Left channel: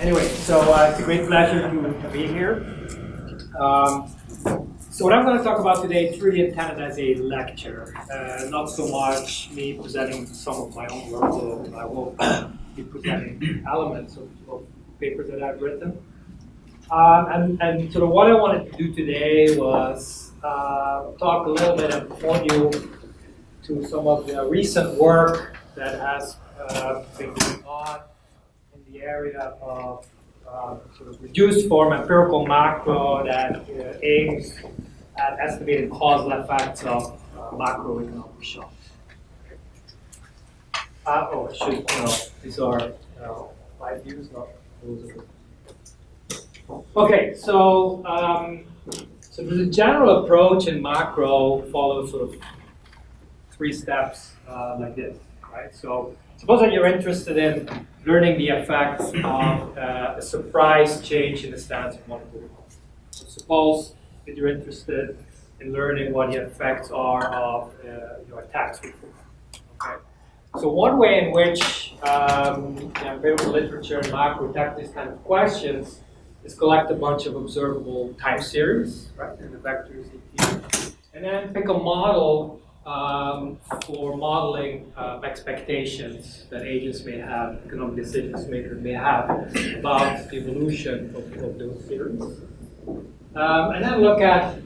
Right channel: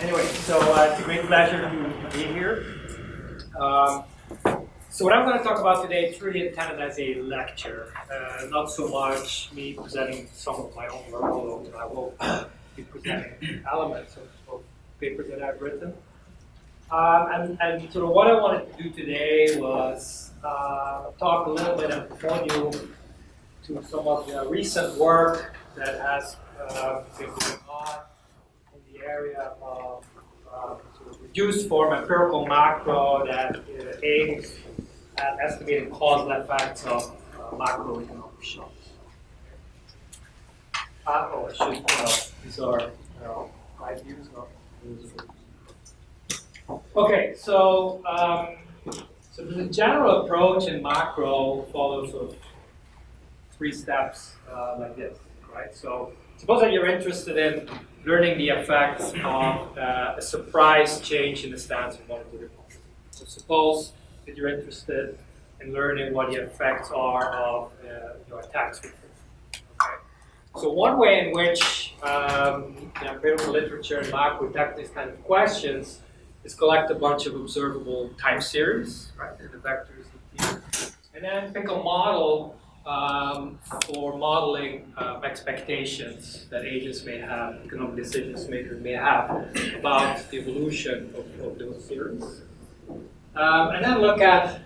Anyway, so it's a great pleasure to be here. So what I'm going to talk about today is really intended as a lecture, not so much me presenting some of my own work, although I will be presenting elements of papers that I've written. And sort of what I wanted to do today was talk a little bit and point you to some of the recent work that has been going on in the area of sort of reduced form empirical macro that aims at estimating causal effects of macroeconomic shocks. I should, these are live views, not those are. Okay, so the general approach in macro follows sort of 3 steps like this, right? So suppose that you're interested in learning the effects of a surprise change in the stance of monetary policy. So suppose that you're interested in learning what the effects are of your tax reform. Okay? So one way in which the empirical literature and macro tackle these kind of questions is collect a bunch of observable time series, right, and the vectors here, and then pick a model for modeling expectations that agents may have, economic decisions makers may have about the evolution of those series. And then look at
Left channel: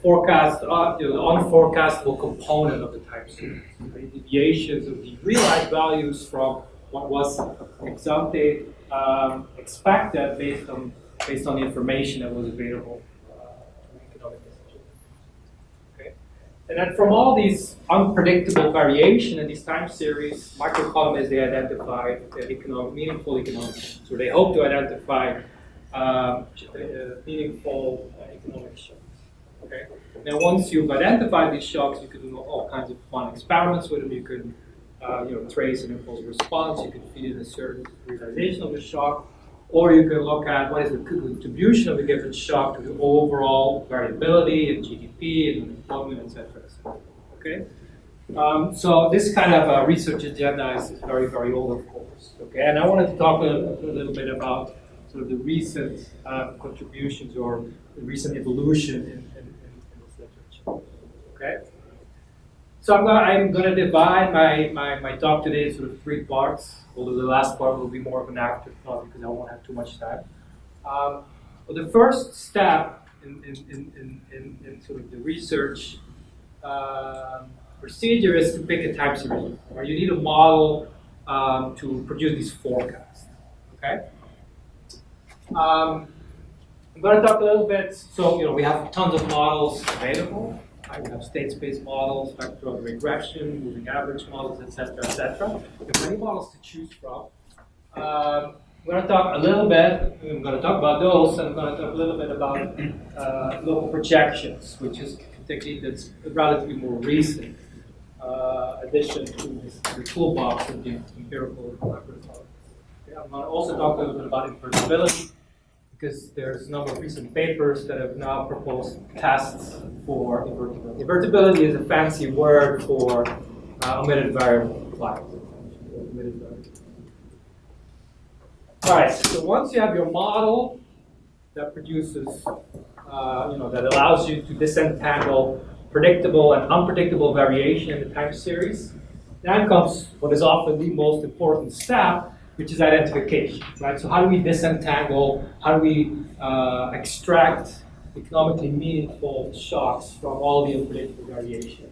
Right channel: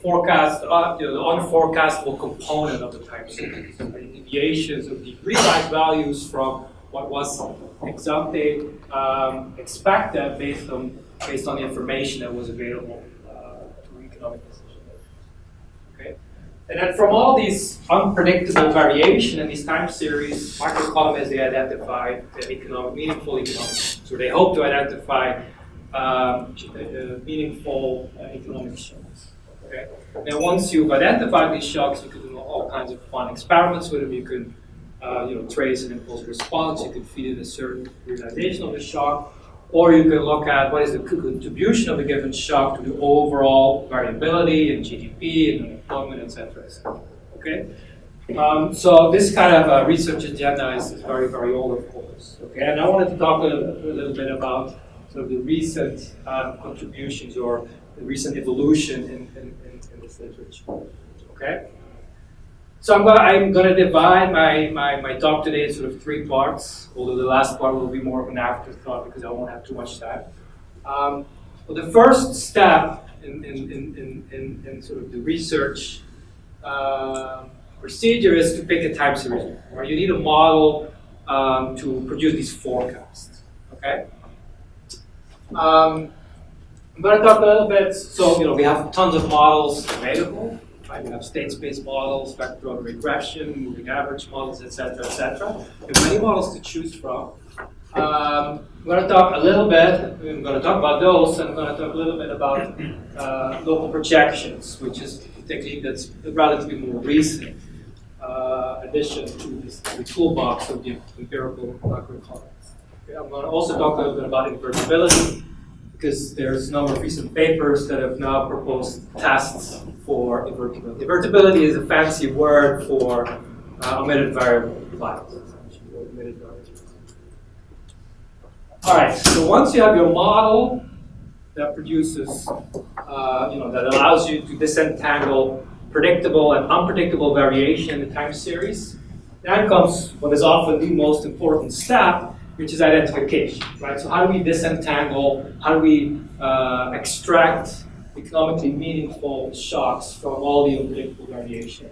forecast, the unforecastable component of the time series, the deviations of the realized values from what was ex ante expected based on the information that was available to economic decision makers. Okay, and then from all these unpredictable variation in these time series, macroeconomists they identify meaningful economic. So they hope to identify meaningful economic shocks. Okay. Now, once you've identified these shocks, you can do all kinds of fun experiments with them. You can, trace an impulse response. You can feed it a certain realization of the shock, or you can look at what is the contribution of a given shock to the overall variability in GDP and unemployment, etc. Okay. So this kind of research agenda is very, very old, of course. Okay. And I wanted to talk a little bit about sort of the recent contributions or the recent evolution in this literature. Okay, so I'm going to divide my talk today in sort of 3 parts. Although the last part will be more of an afterthought because I won't have too much time. But the first step in sort of the research procedure is to pick a time series, or you need a model to produce these forecasts. Okay. I'm going to talk a little bit, so we have tons of models available, right? We have state space models, vector regression, moving average models, etc., etc. We have many models to choose from. I'm going to talk a little bit, I'm going to talk about those, and I'm going to talk a little bit about local projections, which is a technique that's a relatively more recent addition to the toolbox of the empirical macroeconomics. Okay, I'm going to also talk a little bit about invertibility, because there's a number of recent papers that have now proposed tests for invertibility. Invertibility is a fancy word for omitted variable clouds, essentially, or omitted variables. All right, so once you have your model that produces, that allows you to disentangle predictable and unpredictable variation in the time series, then comes what is often the most important step, which is identification, right? So how do we disentangle, how do we extract economically meaningful shocks from all the unpredictable variation?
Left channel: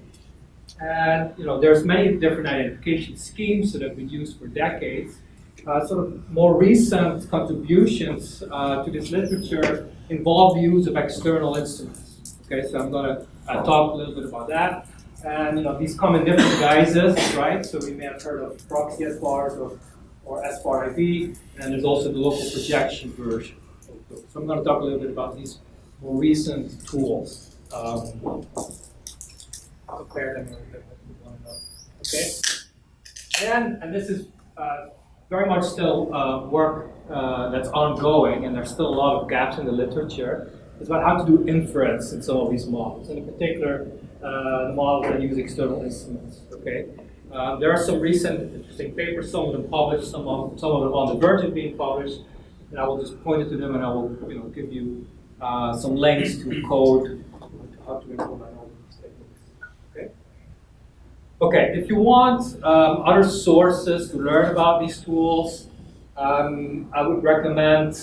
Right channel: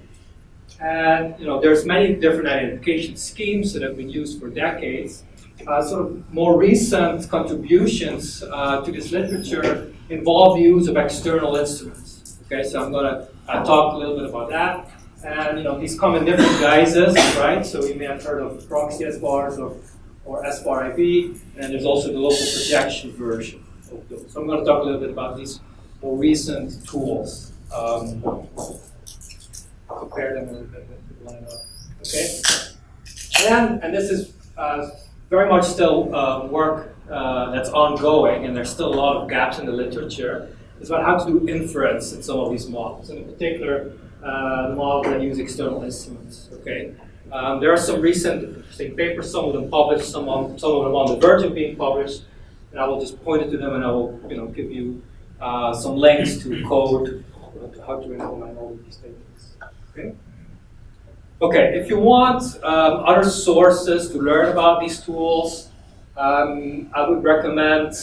And there's many different identification schemes that have been used for decades. Sort of more recent contributions to this literature involve the use of external instruments. Okay, so I'm going to talk a little bit about that. And these come in different guises, right? So we may have heard of Proxy S-bars or S-bar-IV, and then there's also the local projection version of those. So I'm going to talk a little bit about these more recent tools. Compare them a little bit with one another. Okay? And this is very much still work that's ongoing, and there's still a lot of gaps in the literature. It's about how to do inference in some of these models, and in particular, the models that use external instruments. Okay? There are some recent interesting papers, some of them published, some of them on the verge of being published, and I will just point it to them, and I will give you some links to code, to how to implement all of these techniques. Okay. Okay. If you want other sources to learn about these tools, I would recommend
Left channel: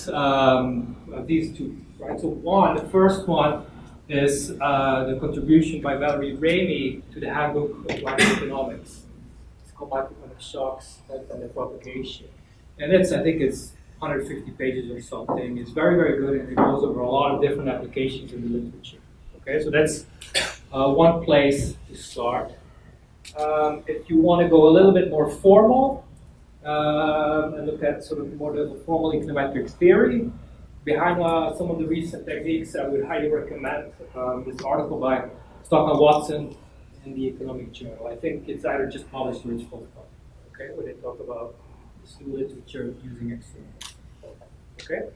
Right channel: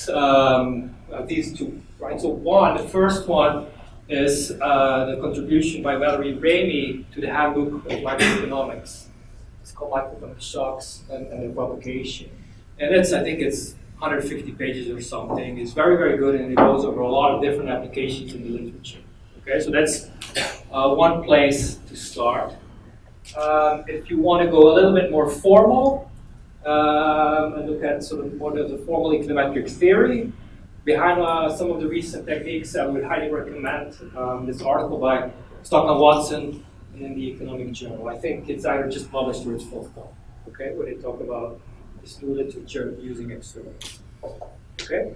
these two. Right. So the first one is the contribution by Valerie Ramey to the Handbook of Macroeconomics. It's called Macroeconomic Shocks and the Propagation. And I think it's 150 pages or something. It's very, very good, and it goes over a lot of different applications in the literature. Okay, so that's one place to start. If you want to go a little bit more formal and look at sort of more of the formal econometric theory behind some of the recent techniques, I would highly recommend this article by Stockman Watson in the Economic Journal. I think it's either just published or it's forthcoming. Okay, where they talk about this new literature using externals. Okay.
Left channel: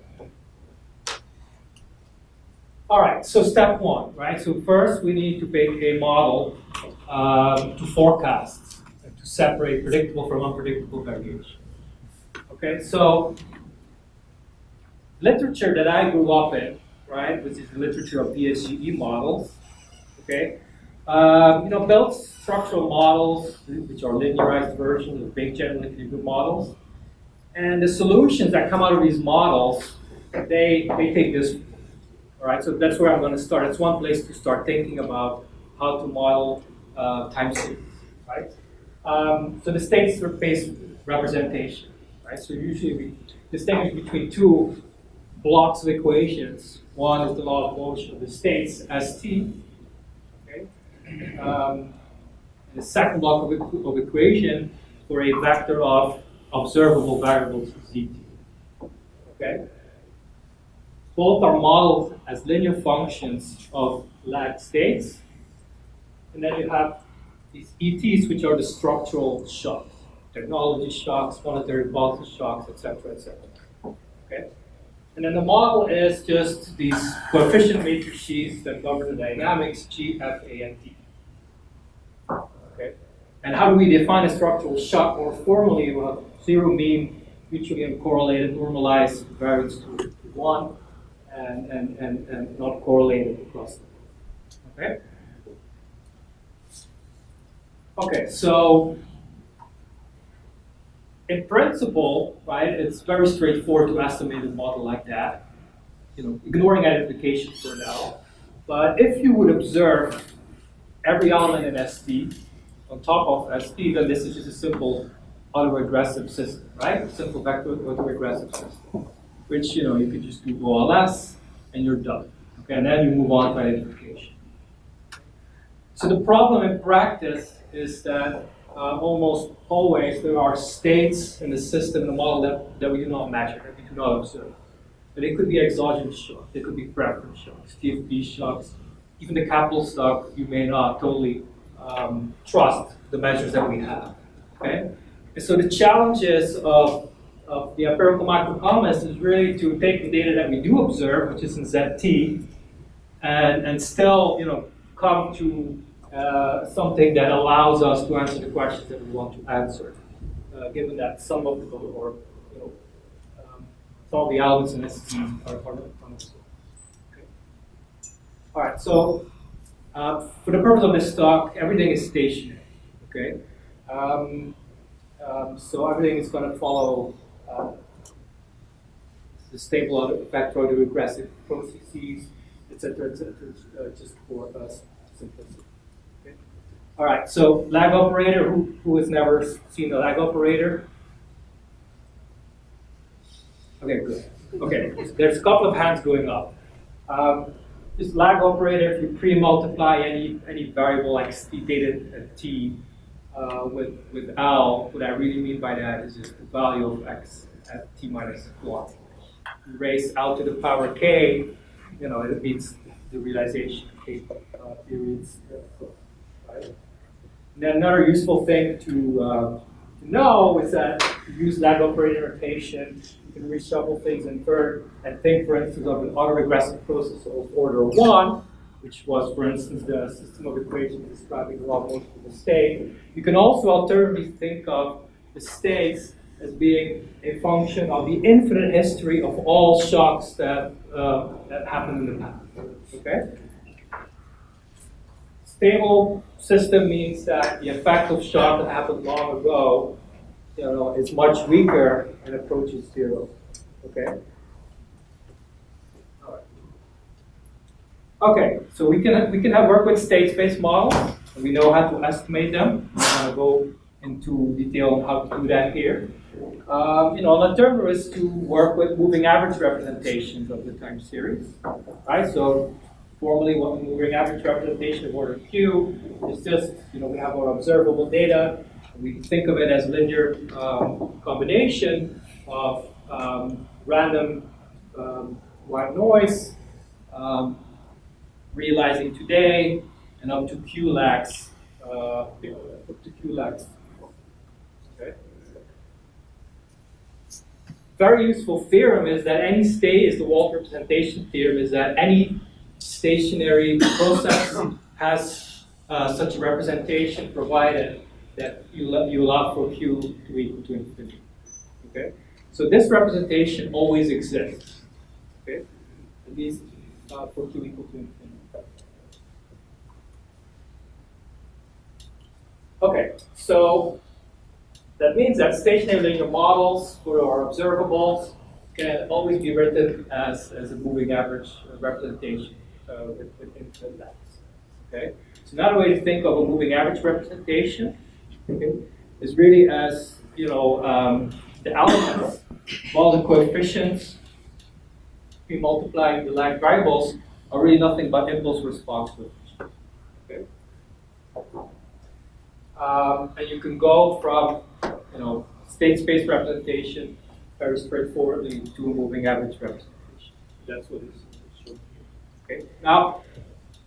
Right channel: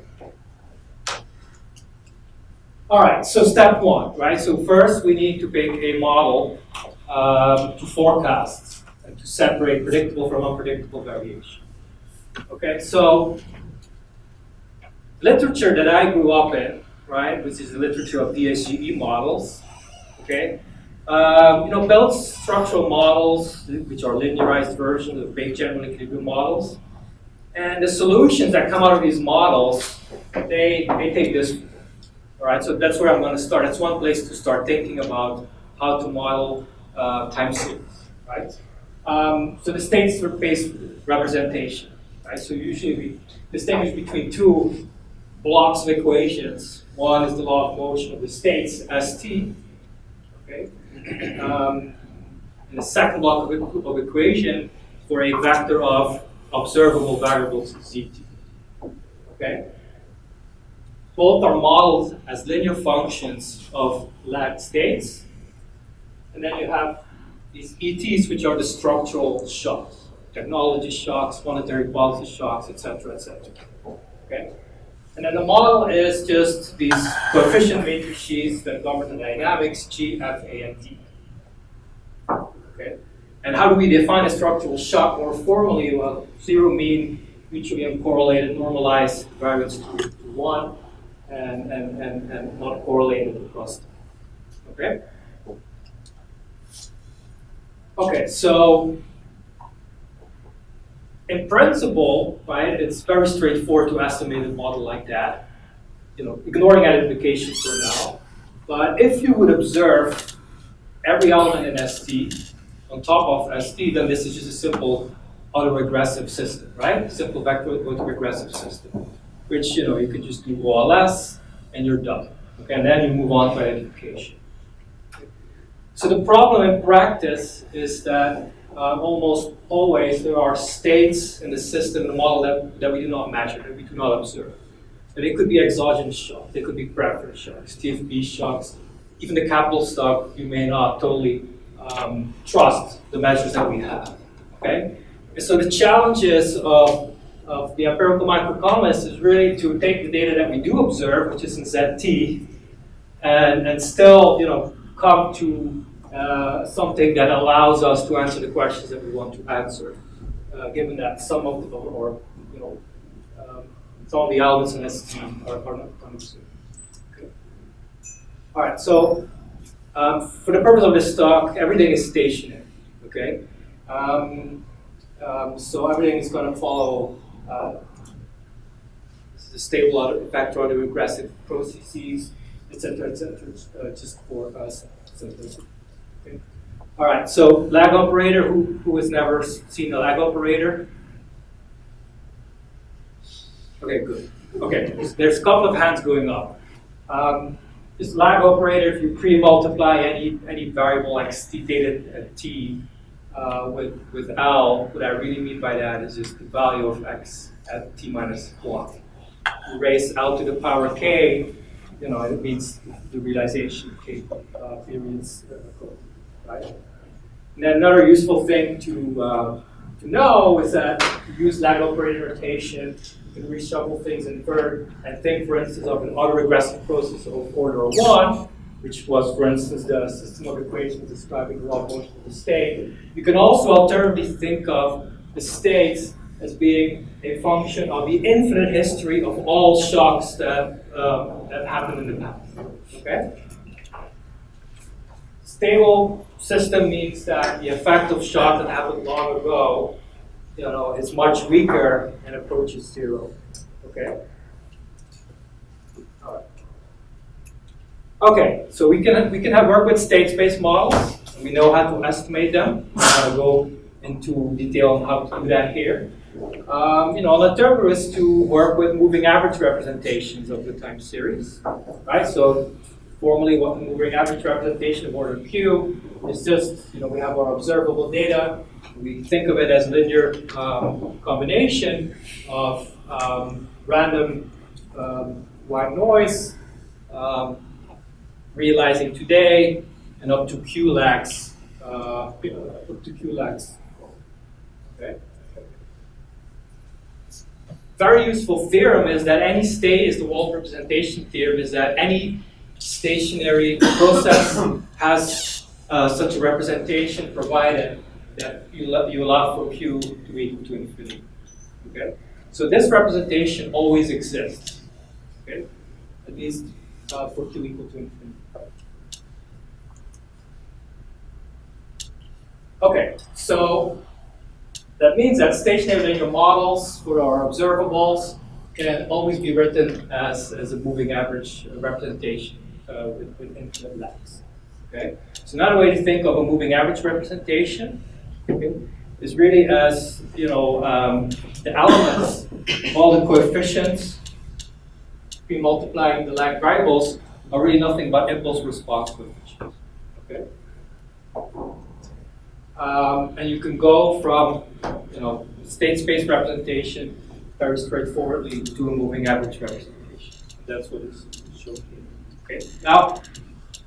All right. So step one, right? So first we need to pick a model to forecast and to separate predictable from unpredictable variation. Okay. So literature that I grew up in, right, which is the literature of DSGE models, okay, builds structural models, which are linearized versions of big general equilibrium models. And the solutions that come out of these models, they take this, all right, so that's where I'm going to start. That's one place to start thinking about how to model time series, right? So the state-based representation, right? So usually we distinguish between two blocks of equations. One is the law of motion of the states, ST, okay? And the second block of equation for a vector of observable variables, ZT, okay? Both are modeled as linear functions of lagged states. And then you have these ETs, which are the structural shocks, technology shocks, monetary policy shocks, etc., etc. Okay? And then the model is just these coefficient matrices that govern the dynamics, G, F, A, and T. Okay? And how do we define a structural shock more formally? Well, zero mean, mutually uncorrelated, normalized variance to 1, and not correlated across them. Okay? Okay, so in principle, right, it's very straightforward to estimate a model like that, ignoring identification for now. But if you would observe every element in ST on top of ST, then this is just a simple autoregressive system, right? Simple vector autoregressive system, which you can just do OLS and you're done. Okay, and then you move on to identification. So the problem in practice is that almost always there are states in the system, the model that we do not measure, that we do not observe. And they could be exogenous shocks, they could be preference shocks, TFP shocks, even the capital stock, you may not totally trust the measures that we have. Okay? And so the challenges of the empirical macroeconomists is really to take the data that we do observe, which is in ZT, and still come to something that allows us to answer the questions that we want to answer, given that some of the some of the elements in ST are not understood. Okay. All right. So for the purpose of this talk, everything is stationary. Okay. So everything is going to follow the stable vector autoregressive processes, etc., just for us. Okay. All right, so lag operator, who has never seen a lag operator? Okay, good. Okay, there's a couple of hands going up. This lag operator, if you pre-multiply any variable like data t with L, what I really mean by that is just the value of x at t minus 1. You raise L to the power k, it means the realization k periods, right? And then another useful thing to know is that you use lag operator notation, you can reshuffle things and think, for instance, of an autoregressive process of order 1, which was, for instance, the system of equations describing the law of motion of the state. You can also alternatively think of the states as being a function of the infinite history of all shocks that happened in the past. Okay? Stable system means that the effect of shock that happened long ago, is much weaker and approaches zero. Okay. All right. Okay. So we can have work with state-space models, and we know how to estimate them. I'm going to go into detail on how to do that here. An alternative is to work with moving average representations of the time series. Right. So formally, what the moving average representation of order Q is just, we have our observable data. We think of it as a linear combination of random white noise, realizing today, and up to Q lags. Okay. Very useful theorem is that any state is the Wald representation theorem. Is that any stationary process has such a representation provided that you allow for Q to be equal to infinity. Okay, so this representation always exists. Okay, at least for Q equal to infinity. Okay, so that means that stationary linear models for our observables can always be written as a moving average representation with infinite lags. Okay, so another way to think of a moving average representation, okay, is really as the elements, all the coefficients, be multiplying the lag variables are really nothing but impulse response coefficients. Okay, and you can go from state space representation very straightforwardly to a moving average representation. That's what is shown here. Okay, now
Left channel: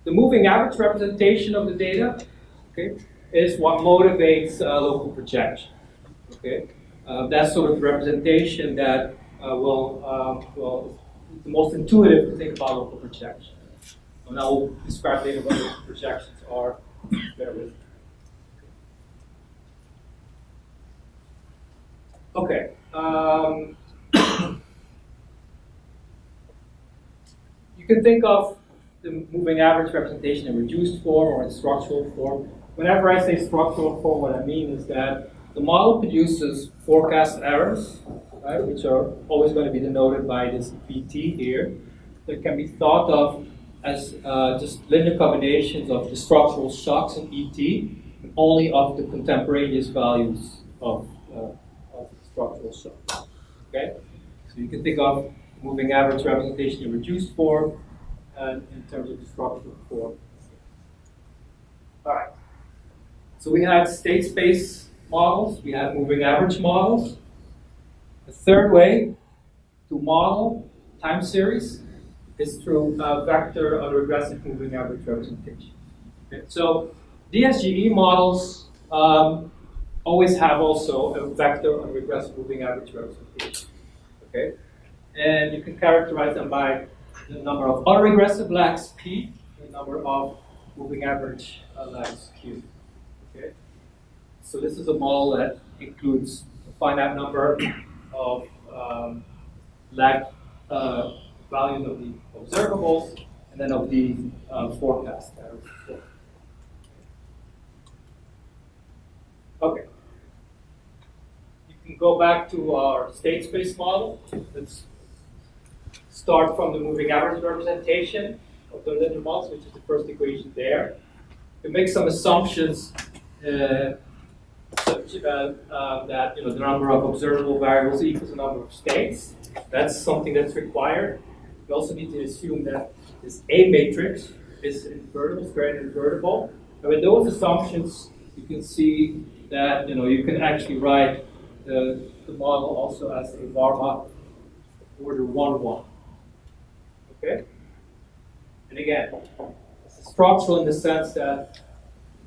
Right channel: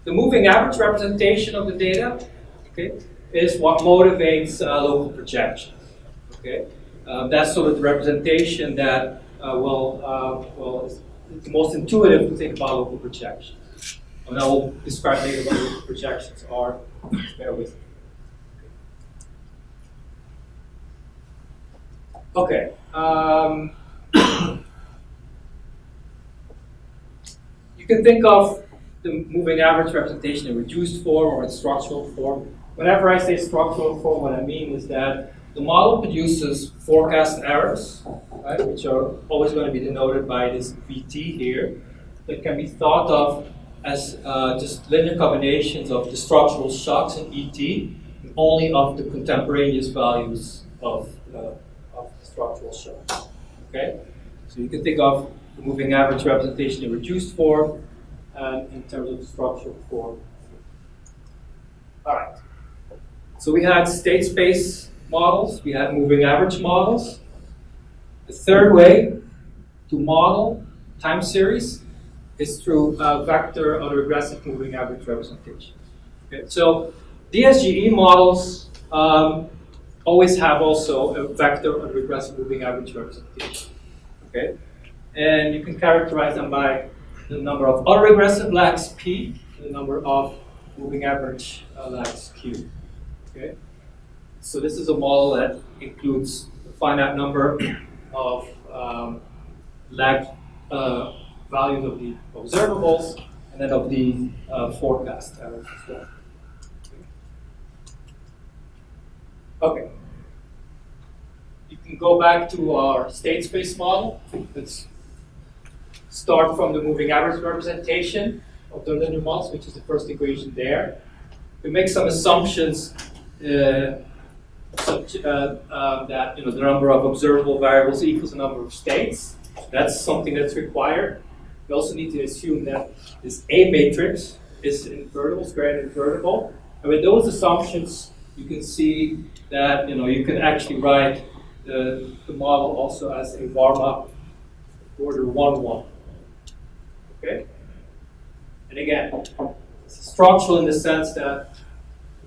the moving average representation of the data, okay, is what motivates local projections. Okay, that's sort of the representation that is the most intuitive to think about local projections. And I will describe later what local projections are. Bear with me. Okay. You can think of the moving average representation in reduced form or in structural form. Whenever I say structural form, what I mean is that the model produces forecast errors, right, which are always going to be denoted by this VT here, that can be thought of as just linear combinations of the structural shocks in ET, and only of the contemporaneous values of the structural shocks. Okay, so you can think of the moving average representation in reduced form and in terms of structural form. All right. So we had state space models, we had moving average models. The third way to model time series is through vector autoregressive moving average representation. Okay. So DSGE models always have also a vector autoregressive moving average representation. Okay, and you can characterize them by the number of autoregressive lags P, the number of moving average lags Q. Okay, so this is a model that includes a finite number of lag values of the observables and then of the forecast errors as well. Okay. You can go back to our state space model. Let's start from the moving average representation of the linear models, which is the first equation there. We make some assumptions such that the number of observable variables equals the number of states. That's something that's required. We also need to assume that this A matrix is invertible, square and invertible. And with those assumptions, you can see that you can actually write the model also as a varma order 1-1. Okay? And again, it's structural in the sense that the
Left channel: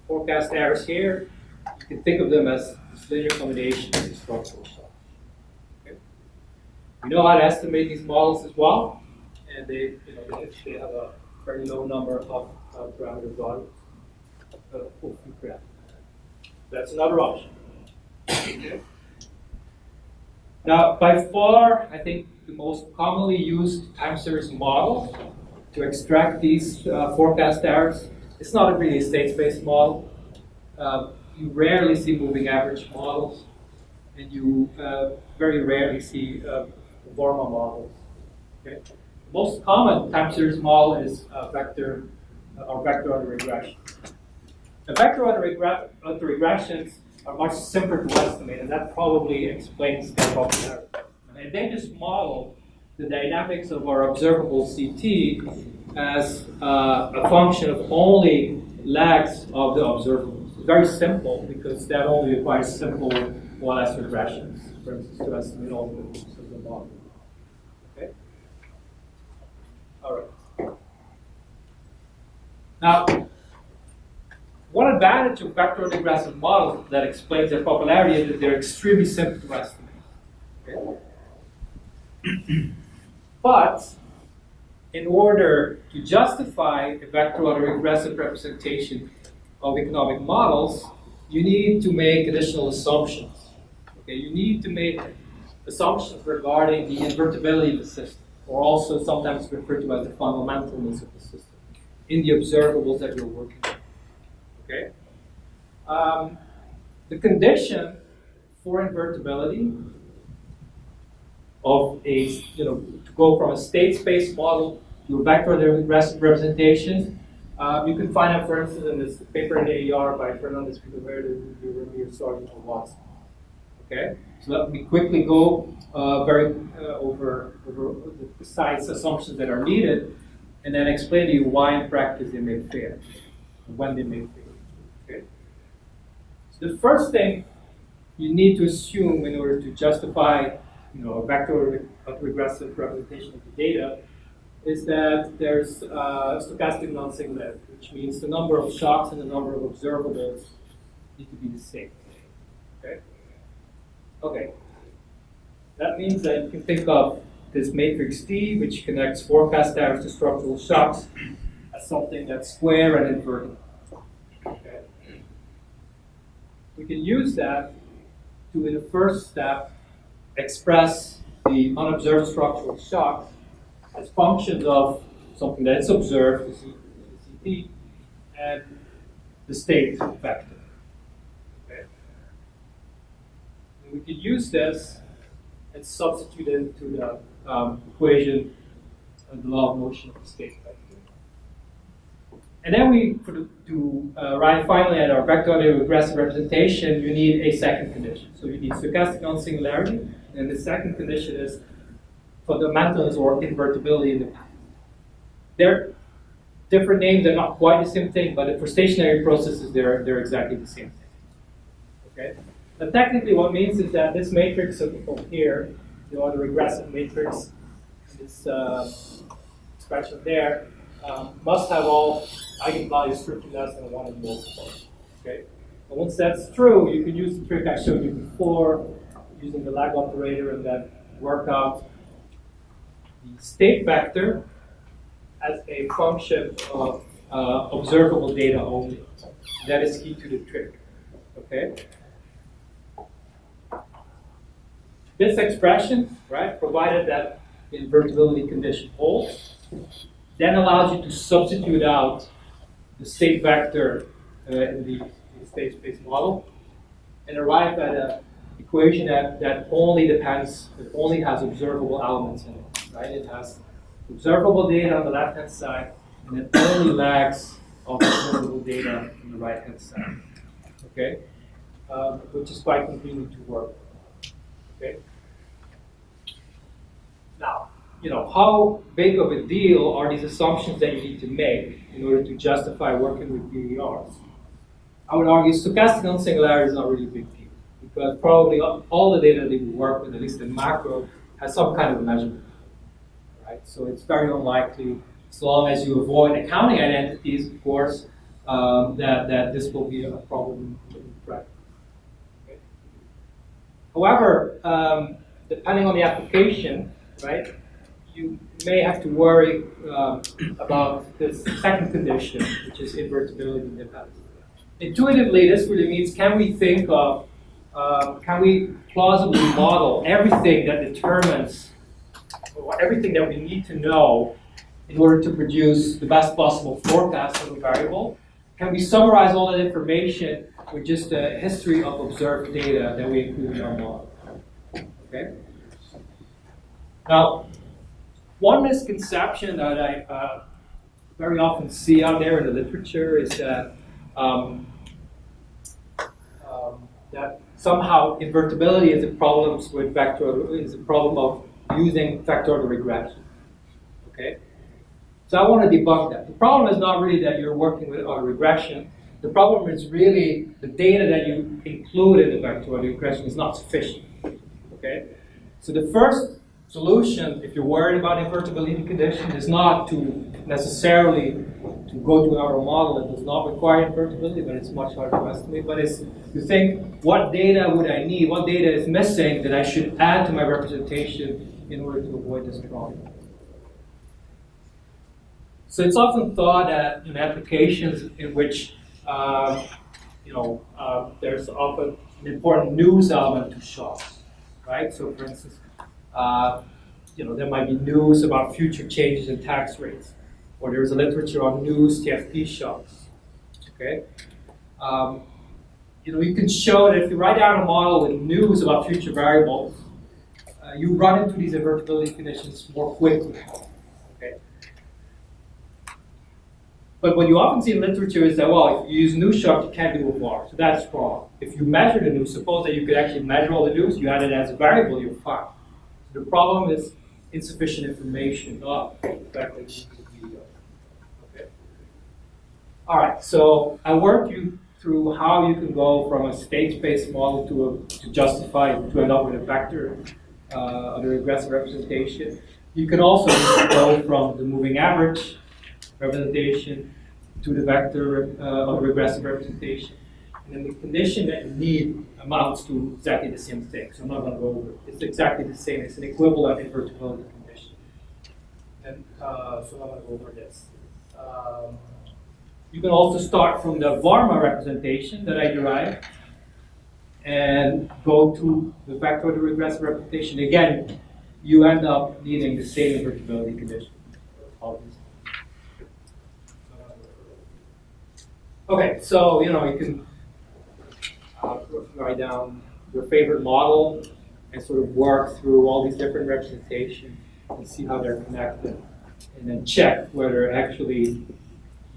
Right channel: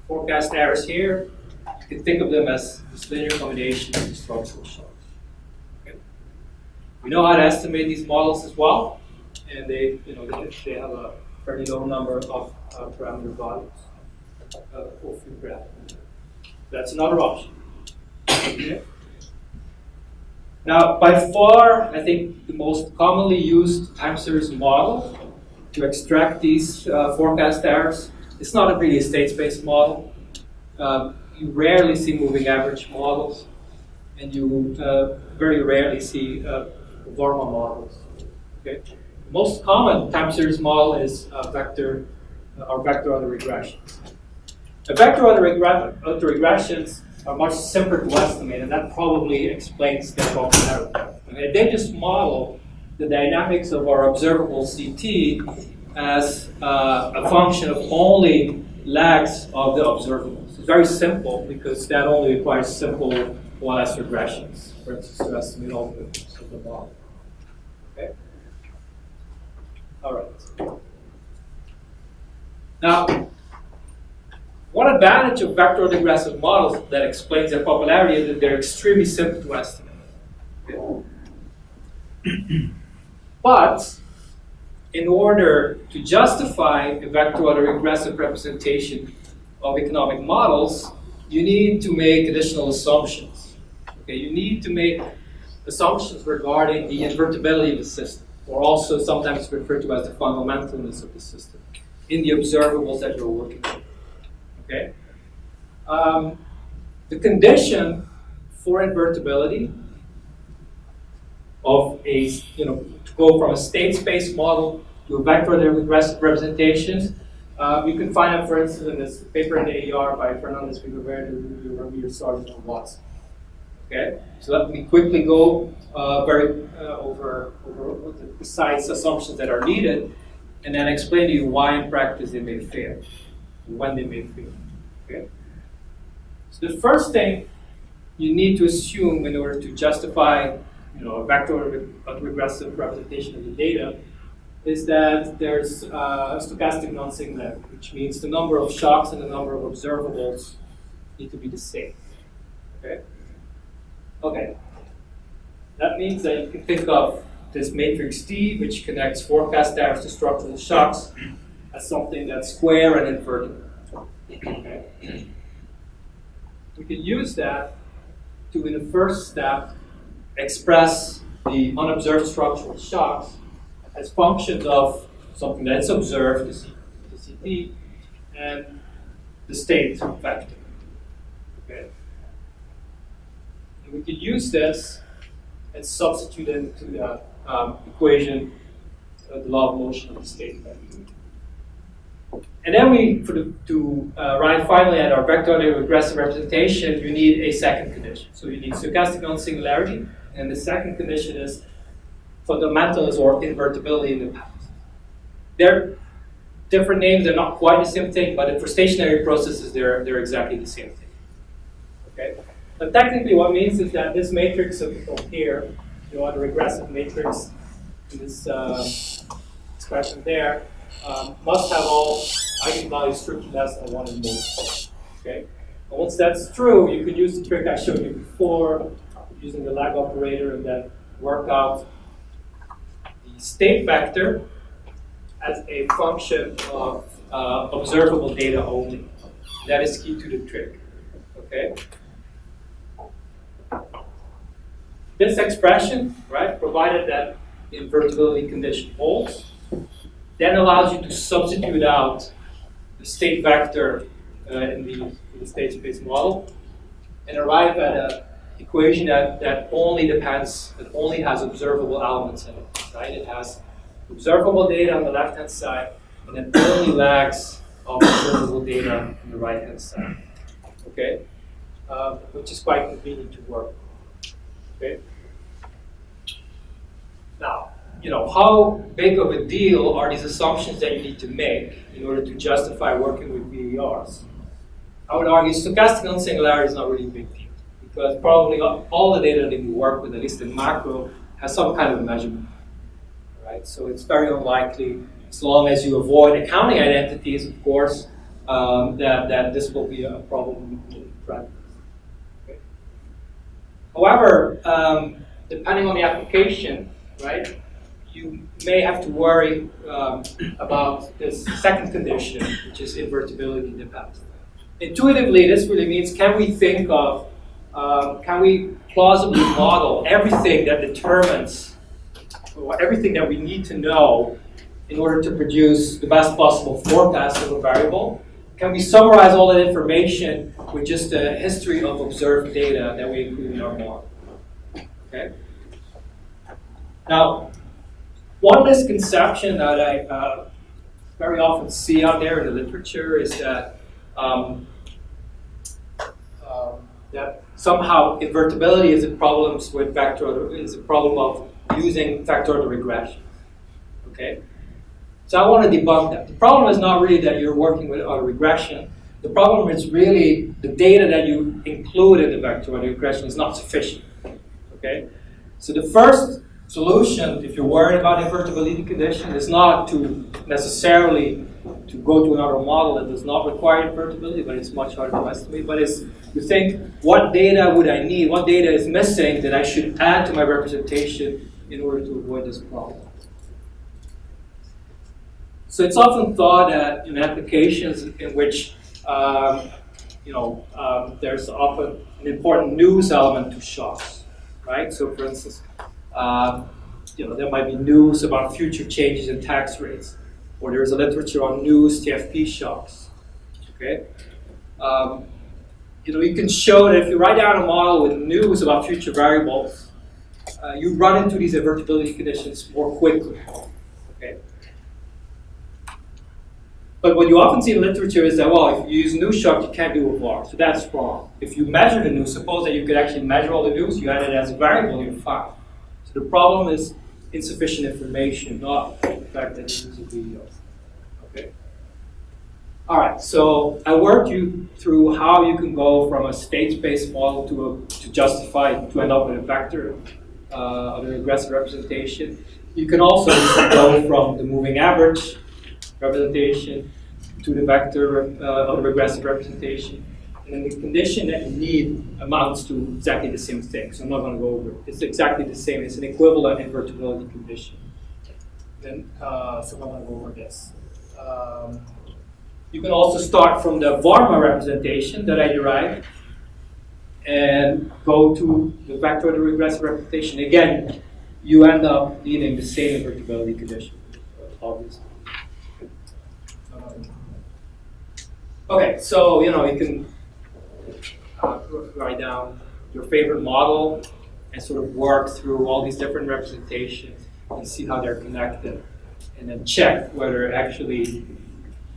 forecast errors here, you can think of them as this linear combination of the structural shocks. Okay? We know how to estimate these models as well, and they have a very low number of parameter values of your graph. That's another option. Okay. Now, by far, I think the most commonly used time series model to extract these forecast errors, it's not really a state-space model. You rarely see moving average models, and you very rarely see Vorma models. Okay? The most common time series model is vector autoregressions. The vector autoregressions are much simpler to estimate, and that probably explains their popularity. Okay? They just model the dynamics of our observable CT as a function of only lags of the observables. It's very simple because that only requires simple 1S regressions, for instance, to estimate all the moves of the model. Okay? All right. Now, one advantage of vector autoregressive models that explains their popularity is that they're extremely simple to estimate. Okay? But in order to justify a vector autoregressive representation of economic models, you need to make additional assumptions. Okay, you need to make assumptions regarding the invertibility of the system, or also sometimes referred to as the fundamentalness of the system, in the observables that you're working with. Okay? The condition for invertibility of a, to go from a state space model to a vector autoregressive representations, you can find out, for instance, in this paper in the AER by Fernandez Figueroa, Ramir, Sargent, and Watson. Okay, so let me quickly go over the precise assumptions that are needed, and then explain to you why in practice they may fail, when they may fail. Okay, so the first thing you need to assume in order to justify, a vector autoregressive representation of the data is that there's stochastic non-singularity, which means the number of shocks and the number of observables need to be the same. Okay? Okay. That means that you can think of this matrix T, which connects forecast errors to structural shocks, as something that's square and invertible. Okay? We can use that to, in the first step, express the unobserved structural shocks as functions of something that's observed, the CT, and the state vector. Okay? And we could use this and substitute it into the equation of the law of motion of the state vector. And then to arrive finally at our vector autoregressive representation, you need a second condition. So you need stochastic non-singularity, and the second condition is fundamentalness or invertibility in the past. They're different names, they're not quite the same thing, but for stationary processes, they're exactly the same thing. Okay? But technically what it means is that this matrix of here, the autoregressive matrix, this expression there, must have all eigenvalues strictly less than 1 in both. Okay? And once that's true, you could use the trick I showed you before, using the lag operator, and then work out the state vector as a function of observable data only. That is key to the trick. Okay? This expression, right, provided that the invertibility condition holds, then allows you to substitute out the state vector in the state space model and arrive at an equation that only has observable elements in it. Right? It has observable data on the left-hand side, and it only lags of observable data on the right-hand side. Okay, which is quite convenient to work with. Okay. Now, how big of a deal are these assumptions that you need to make in order to justify working with VERs? I would argue stochastic non-singularity is not really a big deal, because probably all the data that we work with, at least in macro, has some kind of measurement. Right? So it's very unlikely, as long as you avoid accounting identities, of course, that this will be a problem in practice. Okay? However, depending on the application, right, you may have to worry about this second condition, which is invertibility in the past. Intuitively, this really means, can we think of, can we plausibly model everything that determines, or everything that we need to know in order to produce the best possible forecast of a variable? Can we summarize all that information with just a history of observed data that we include in our model? Okay. Now, one misconception that I very often see out there in the literature is that that somehow invertibility is a problem with of using factorial regression. Okay. So I want to debunk that. The problem is not really that you're working with a regression. The problem is really the data that you include in the factorial regression is not sufficient. Okay? So the first solution, if you're worried about invertibility condition, is not to necessarily to go to another model that does not require invertibility, but it's much harder to estimate. But is to think, what data would I need? What data is missing that I should add to my representation in order to avoid this problem? So it's often thought that in applications in which there's often an important news element to shocks, right? So for instance, there might be news about future changes in tax rates, or there's a literature on news TFP shocks. Okay, you can show that if you write down a model with news about future variables, you run into these invertibility conditions more quickly. Okay. But what you often see in literature is that, well, if you use news shock, you can't do a VAR. So that's wrong. If you measure the news, suppose that you could actually measure all the news, you add it as a variable, you're fine. So the problem is insufficient information, not the fact that you use a video. Okay? All right, so I worked you through how you can go from a state-space model to justify, to end up with a vector of the regressive representation. You can also go from the moving average representation to the vector of regressive representation. And then the condition that you need amounts to exactly the same thing. So I'm not going to go over it. It's exactly the same. It's an equivalent invertibility condition. Then, so I'm not going to go over this. You can also start from the Varma representation that I derived and go to the vector of the regressive representation. Again, you end up needing the same invertibility condition, obviously. Okay, so you can write down your favorite model and sort of work through all these different representations and see how they're connected, and then check whether actually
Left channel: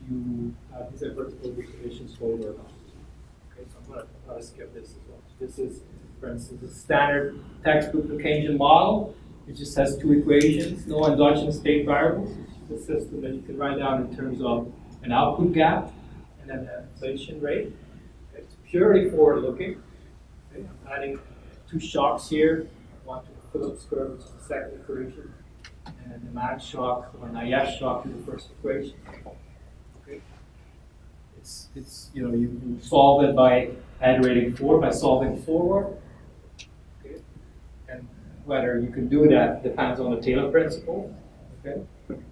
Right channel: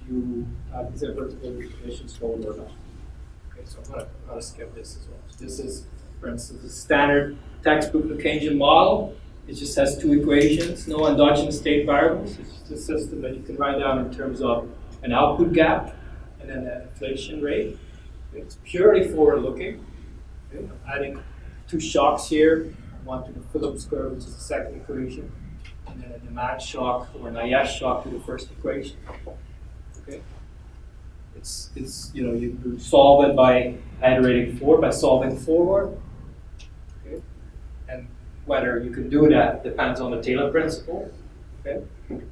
you have these invertibility conditions hold or not. Okay, so I'm going to skip this as well. So this is, for instance, a standard textbook Keynesian model. It just has two equations, no endogenous state variables. It's just a system that you can write down in terms of an output gap and then an inflation rate. It's purely forward-looking. Okay, I'm adding two shocks here. One to the Phillips curve, which is the second equation, and then a demand shock or an IS shock to the first equation. Okay, it's you solve it by iterating forward, by solving forward. Okay, and whether you can do that depends on the Taylor principle. Okay, you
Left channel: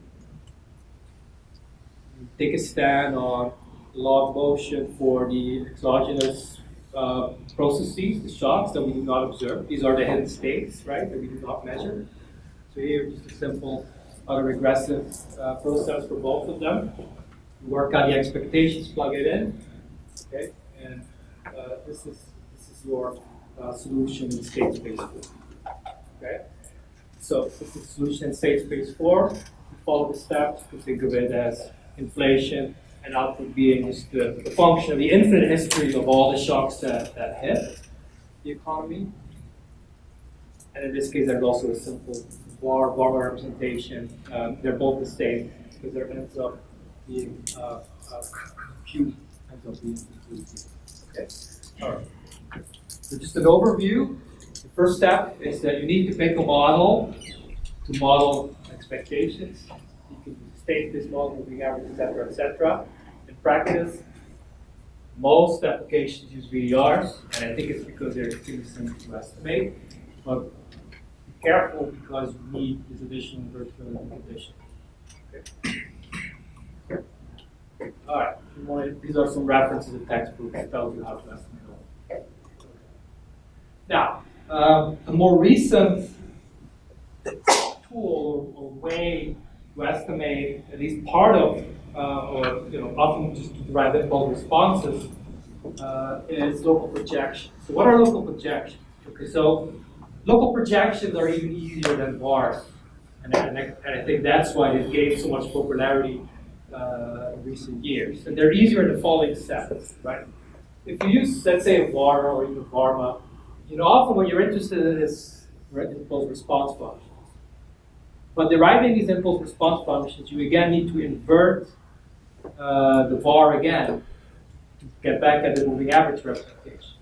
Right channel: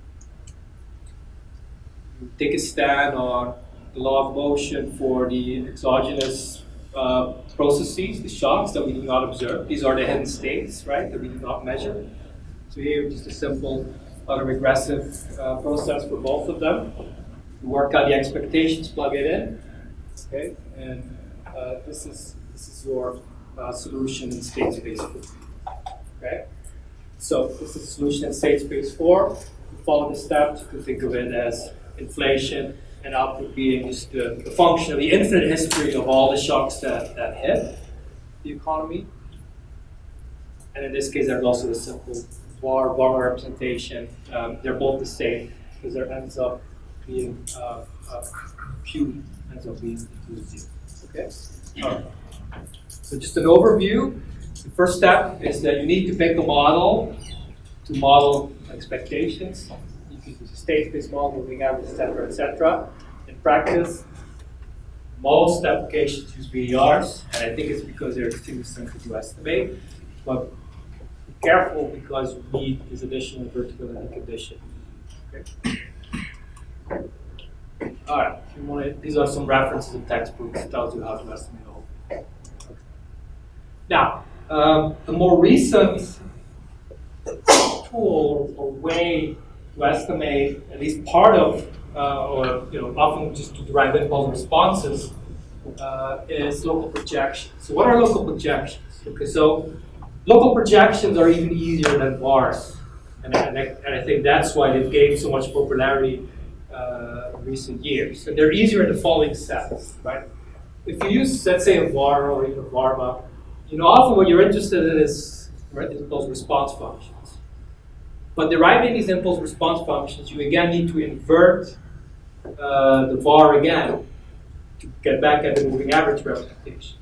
take a stand on the law of motion for the exogenous processes, the shocks that we do not observe. These are the hidden states, right, that we do not measure. So here, just a simple autoregressive process for both of them. You work out the expectations, plug it in, okay, and this is your solution in state space 4. Okay, so this is a solution in state space 4. You follow the steps. You can think of it as inflation, and output being just the function of the infinite history of all the shocks that hit the economy. And in this case, there's also a simple Varma representation. They're both the same because there ends up being Q ends up being equal to 0. Okay. All right. So just an overview. The first step is that you need to pick a model to model expectations. You can use a state-space model, moving average, etc., etc. In practice, most applications use VDRs, and I think it's because they're extremely simple to estimate. But careful because you need this additional invertibility condition. Okay. All right. If you want to, these are some references in textbooks that tells you how to estimate all. Okay. Now, a more recent tool or way to estimate at least part of, or often just to derive impulse responses, is local projections. So what are local projections? Okay, so local projections are even easier than VARs, and I think that's why they've gained so much popularity in recent years. And they're easier in the following sense, right? If you use, let's say, a VAR or even a VARMA, often what you're interested in is impulse response functions. But deriving these impulse response functions, you again need to invert the VAR again to get back at the moving average representation.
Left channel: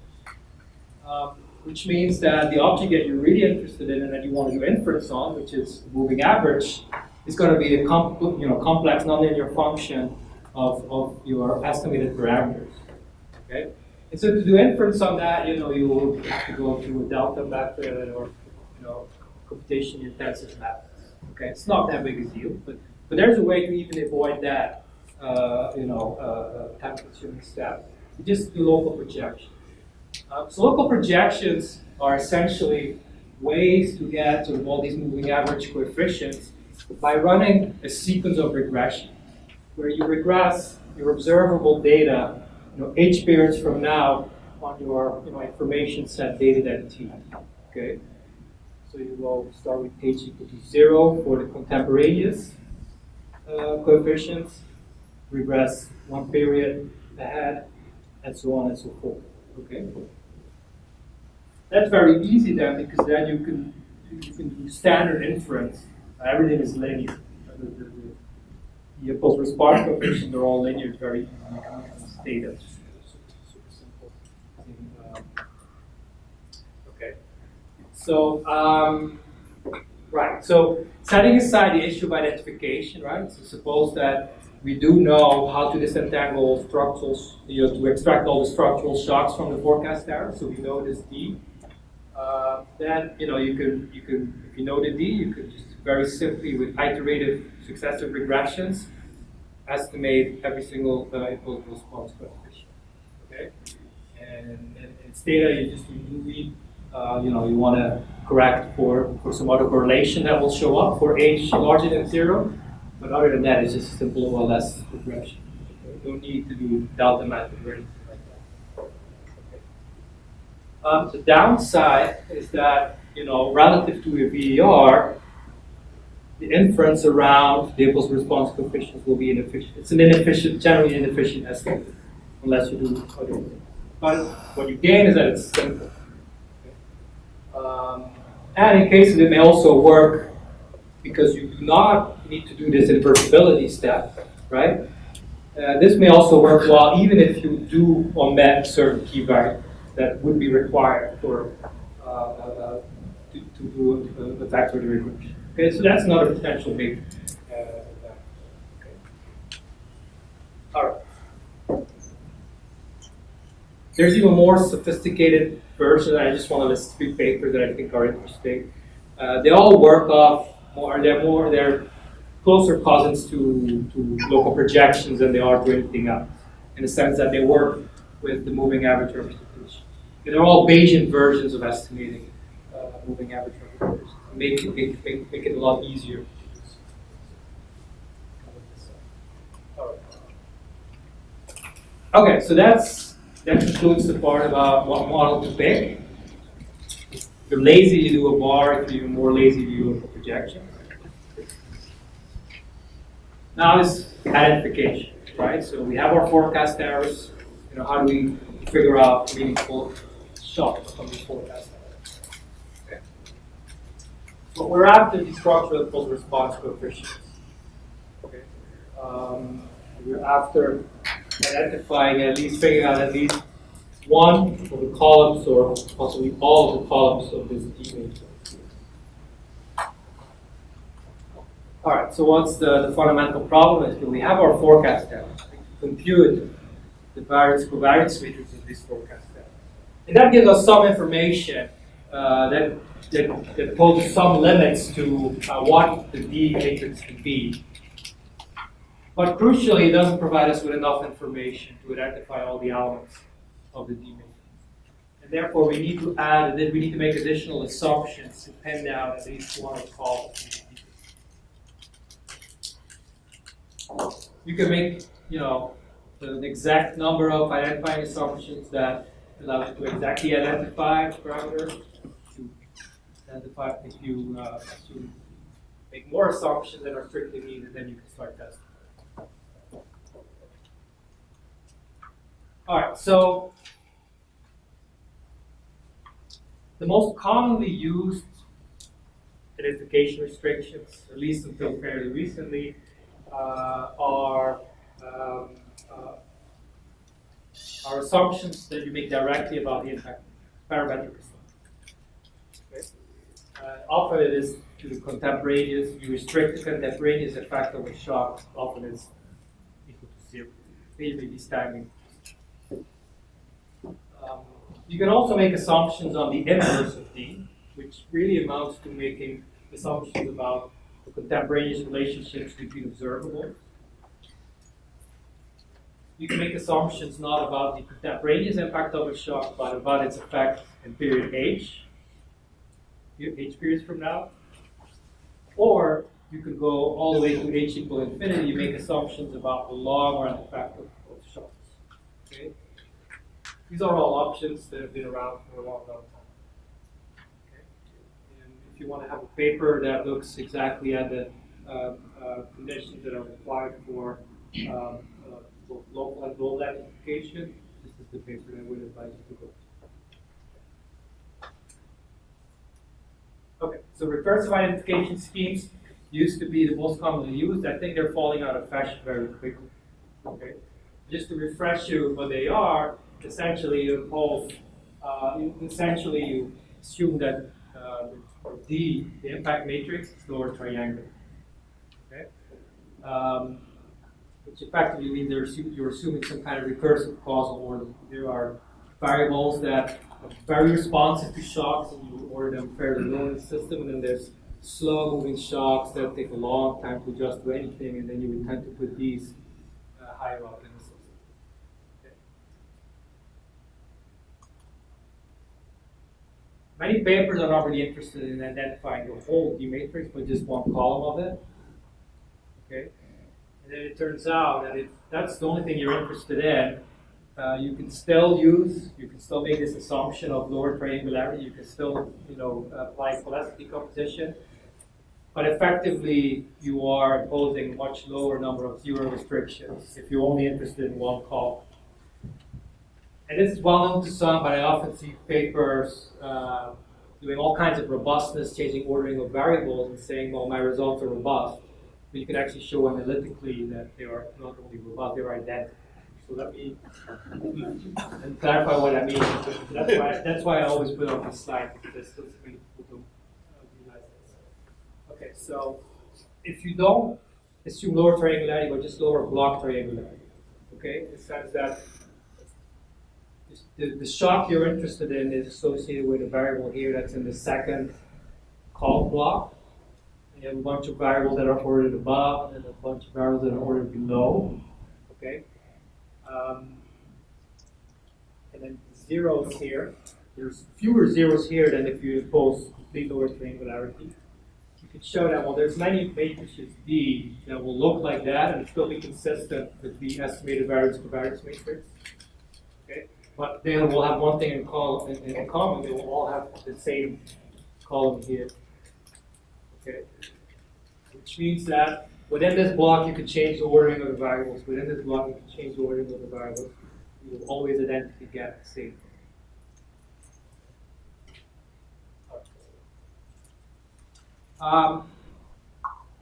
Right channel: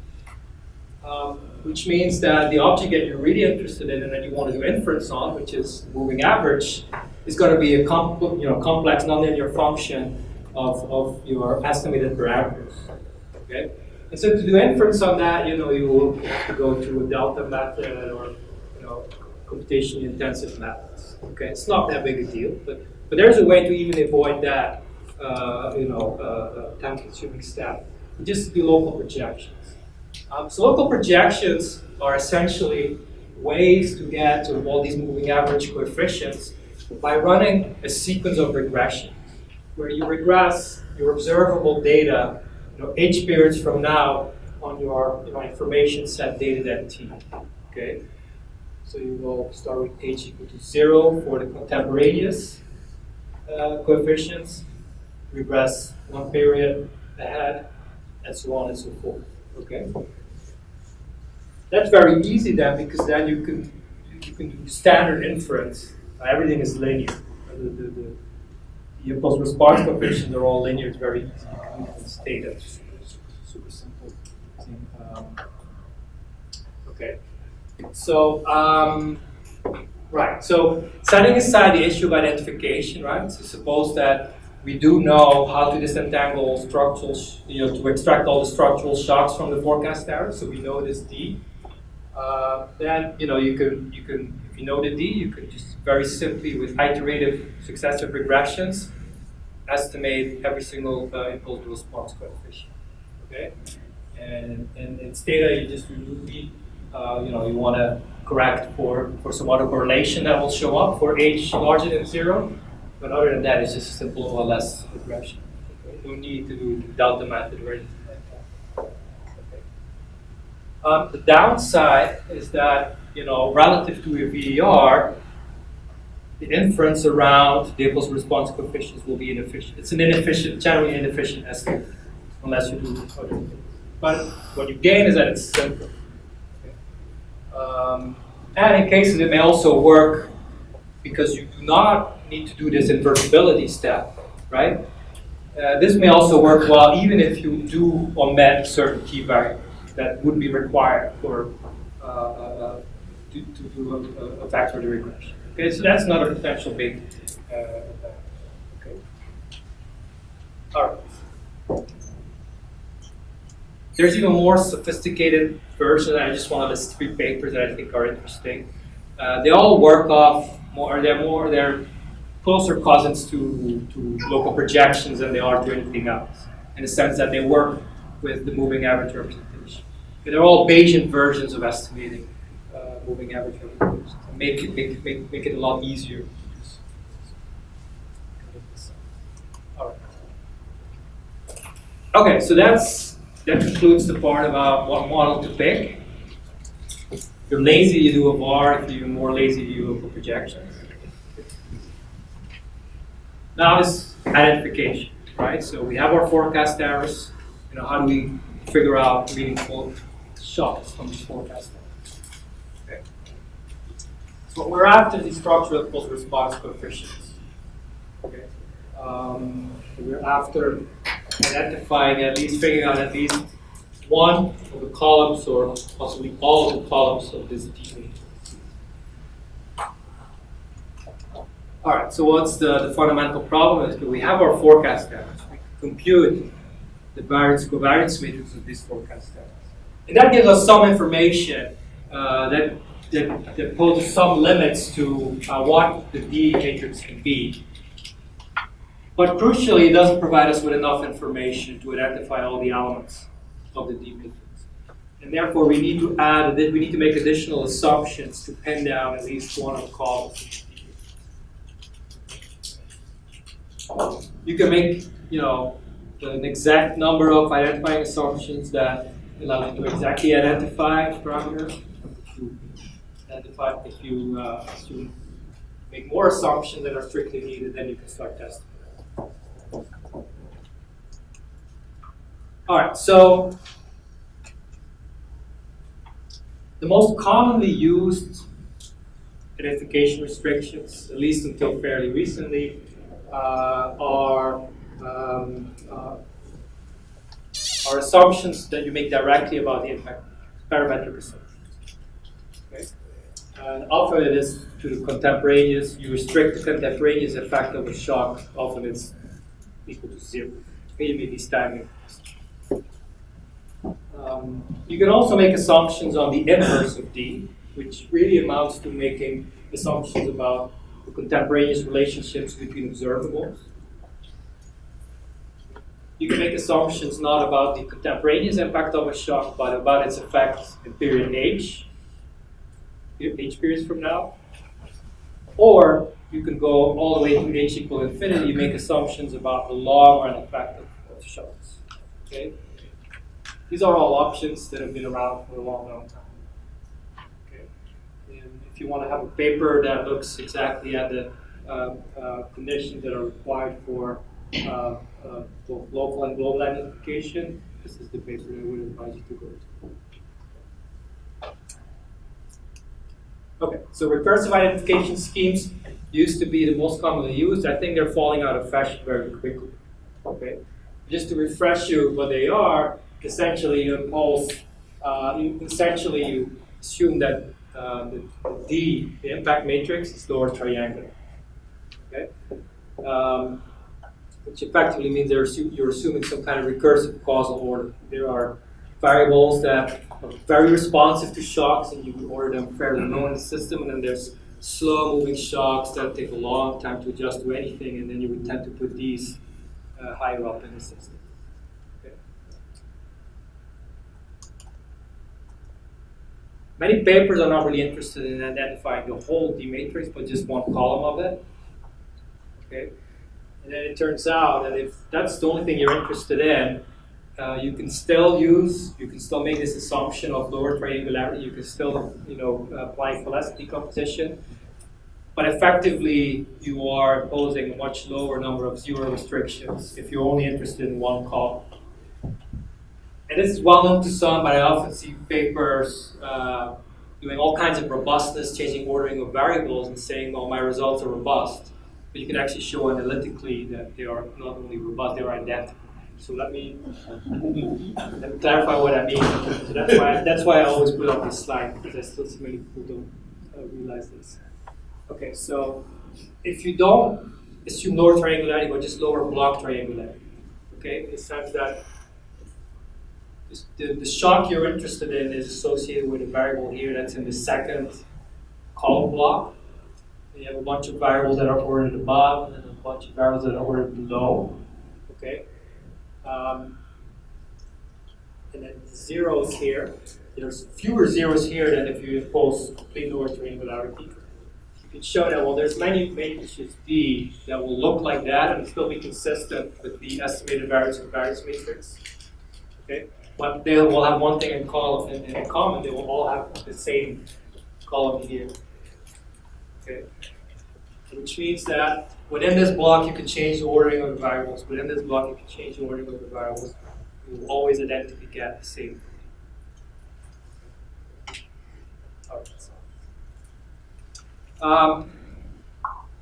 Which means that the object that you're really interested in and that you want to do inference on, which is the moving average, is going to be a complex nonlinear function of your estimated parameters. Okay? And so to do inference on that, you will have to go to a delta method or computation intensive methods. Okay, it's not that big a deal, but there's a way to even avoid that time-consuming step. Just do local projections. So local projections are essentially ways to get to all these moving average coefficients by running a sequence of regressions, where you regress your observable data, h periods from now on your information set dated at t. Okay. So you will start with h equal to 0 for the contemporaneous coefficients, regress one period ahead, and so on and so forth. Okay, that's very easy then, because then you can do standard inference. Everything is linear. The impulse response coefficients are all linear. It's very easy. You can state that super simple thing. Okay. So, right. So, setting aside the issue of identification, right? So, suppose that we do know how to disentangle structural, to extract all the structural shocks from the forecast error. So we know this D. Then you can if you know the D, you can just very simply with iterative successive regressions estimate every single impulse response coefficient. Okay, and its data you just remove it. You want to correct for some autocorrelation that will show up for h larger than 0. But other than that, it's just a simple OLS regression. Okay? You don't need to do delta method or anything like that. Okay. The downside is that, relative to your VER, the inference around the impulse response coefficients will be inefficient. It's an inefficient, generally inefficient estimate, unless you do other things. But what you gain is that it's simple. And in cases it may also work because you do not need to do this invertibility step, right? This may also work well even if you do omit certain key variables that would be required for to do a vector regression. Okay, so that's another potential big advantage. Okay. All right. There's even more sophisticated version. I just want to list 3 papers that I think are interesting. They all work off they're closer cousins to local projections than they are to anything else, in the sense that they work with the moving average representation. They're all Bayesian versions of estimating moving average representations. Make it a lot easier to do so. All right. Okay, so that concludes the part about what model to pick. If you're lazy, you do a bar. If you're more lazy, you do local projections. Now is identification, right? So we have our forecast errors. How do we figure out meaningful shocks from these forecast errors? Okay. So what we're after is the structural impulse response coefficients. Okay. We're after identifying figuring out at least one of the columns or possibly all of the columns of this D matrix. All right, so what's the fundamental problem is that we have our forecast errors. We compute the variance-covariance matrix of these forecast errors. And that gives us some information that that poses some limits to what the D matrix can be. But crucially, it doesn't provide us with enough information to identify all the elements of the D matrix. And therefore, we need to make additional assumptions to pin down at least one of the columns. You can make, an exact number of identifying assumptions that allow you to exactly identify parameters. If you assume make more assumptions that are strictly needed, then you can start testing. All right, so the most commonly used identification restrictions, at least until fairly recently, are assumptions that you make directly about the impact, parametric assumptions. Okay? And often it is to the contemporaneous. You restrict the contemporaneous effect of a shock. Often it's equal to 0. Maybe these timing. You can also make assumptions on the inverse of D, which really amounts to making assumptions about the contemporaneous relationships between observables. You can make assumptions not about the contemporaneous impact of a shock, but about its effect in period H periods from now. Or you can go all the way to H equal infinity. You make assumptions about the long run effect of shocks. Okay? These are all options that have been around for a long, long time. Okay? And if you want to have a paper that looks exactly at the conditions that are required for both local and global identification, this is the paper that I would advise you to go to. Okay, so recursive identification schemes used to be the most commonly used. I think they're falling out of fashion very quickly. Okay, just to refresh you what they are, essentially you impose, you assume that the D, the impact matrix, is lower triangular. Okay, which effectively means you're assuming some kind of recursive causal order. There are variables that are very responsive to shocks, and you order them fairly low in the system, and then there's slow-moving shocks that take a long time to adjust to anything, and then you would tend to put these higher up in the system. Okay. Many papers are not really interested in identifying the whole D matrix, but just one column of it. Okay. And then it turns out that if that's the only thing you're interested in, you can still make this assumption of lower triangularity. You can still, apply pholecity decomposition, but effectively you are imposing a much lower number of zero restrictions if you're only interested in one column. And this is well known to some, but I often see papers doing all kinds of robustness, changing ordering of variables, and saying, "Well, my results are robust." But you can actually show analytically that they are not only robust, they are identical. So let me clarify what I mean. So that's why I always put up this slide, because I still see many people don't realize this. Okay, so if you don't assume lower triangularity, but just lower block triangularity, okay, in the sense that the shock you're interested in is associated with a variable here that's in the second column block. You have a bunch of variables that are ordered above, and a bunch of variables that are ordered below. Okay, and then zeros here. There's fewer zeros here than if you impose complete lower triangularity. You can show that there's many matrices D that will look like that and still be consistent with the estimated variance of variance matrix. Okay, but they will have one thing in common. They will all have the same column here. Okay, which means that within this block you can change the ordering of the variables. Within this block you can change the ordering of the variables. You will always identically get the same thing.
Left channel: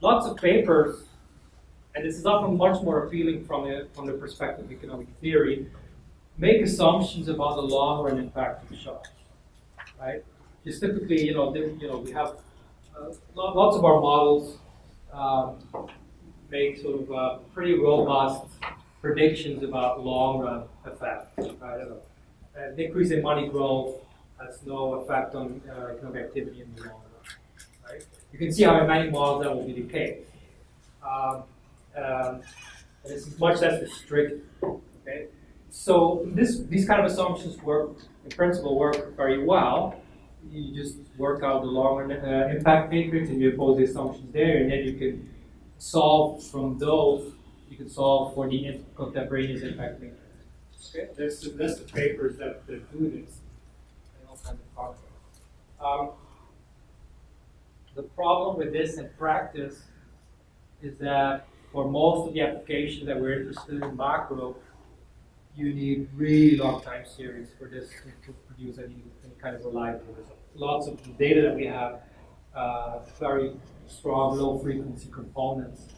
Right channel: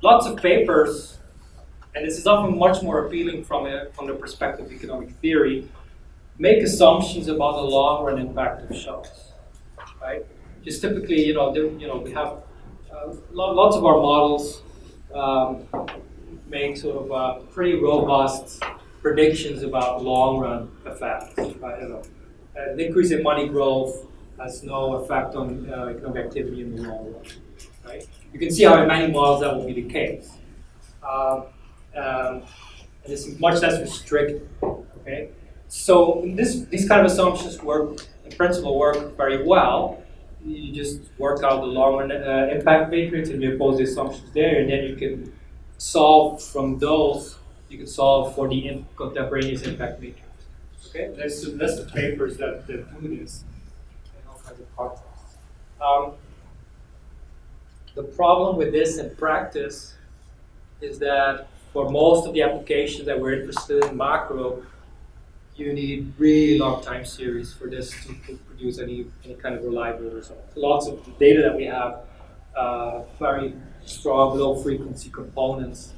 Lots of papers, and this is often much more appealing from the perspective of economic theory, make assumptions about the long run impact of shocks. Right? Just typically, we have lots of our models make sort of pretty robust predictions about long run effects. Right? An increase in money growth has no effect on economic activity in the long run. Right? You can see how in many models that will be the case. It is much less restricted. Okay? So these kind of assumptions work, in principle, work very well. You just work out the long-run impact matrix and you impose the assumptions there, and then you can solve from those. You can solve for the contemporaneous impact matrix. Okay, there's a list of papers that do this in all kinds of contexts. The problem with this in practice is that for most of the applications that we're interested in macro, you need really long time series for this to produce any kind of reliable result. Lots of data that we have, very strong low frequency components.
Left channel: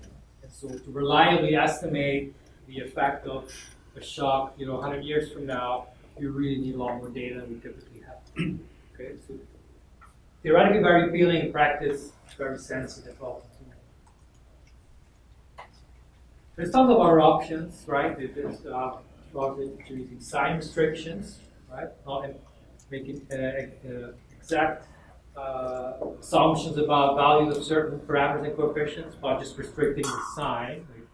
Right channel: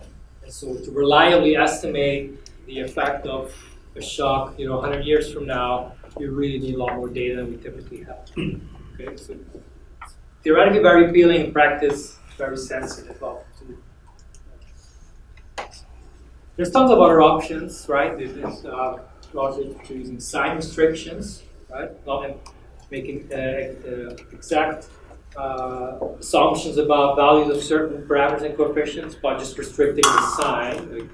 And so to reliably estimate the effect of a shock, 100 years from now, you really need a lot more data than we typically have. Okay, so theoretically very appealing, in practice very sensitive. There's tons of other options, right? There's largely using sign restrictions, right? Not making exact assumptions about values of certain parameters and coefficients, but just restricting the sign.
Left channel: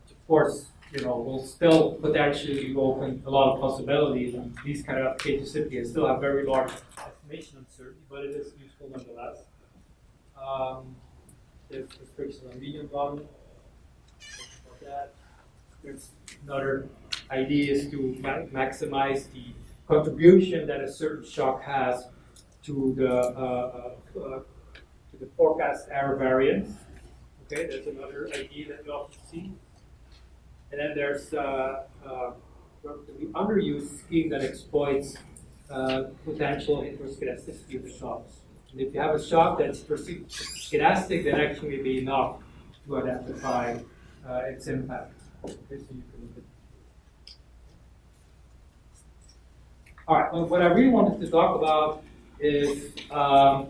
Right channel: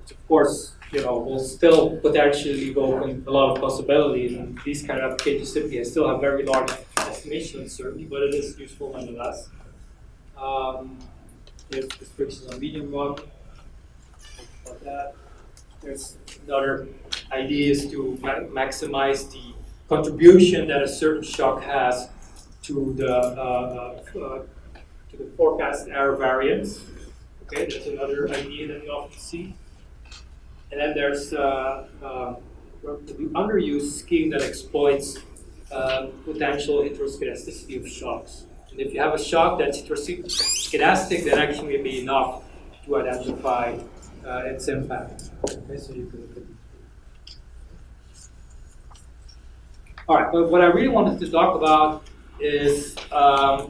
Which of course, will still potentially evoke a lot of possibilities, and these kind of applications typically still have very large estimation uncertainty, but it is useful nonetheless. There's restrictions on medium run. About that. There's another idea is to maximize the contribution that a certain shock has to the forecast error variance. Okay, that's another idea that you often see. And then there's the underused scheme that exploits potential heteroscedasticity of shocks. And if you have a shock that's heteroscedastic, then actually may be enough to identify its impact. Okay, so you can look at these. All right, but what I really wanted to talk about is a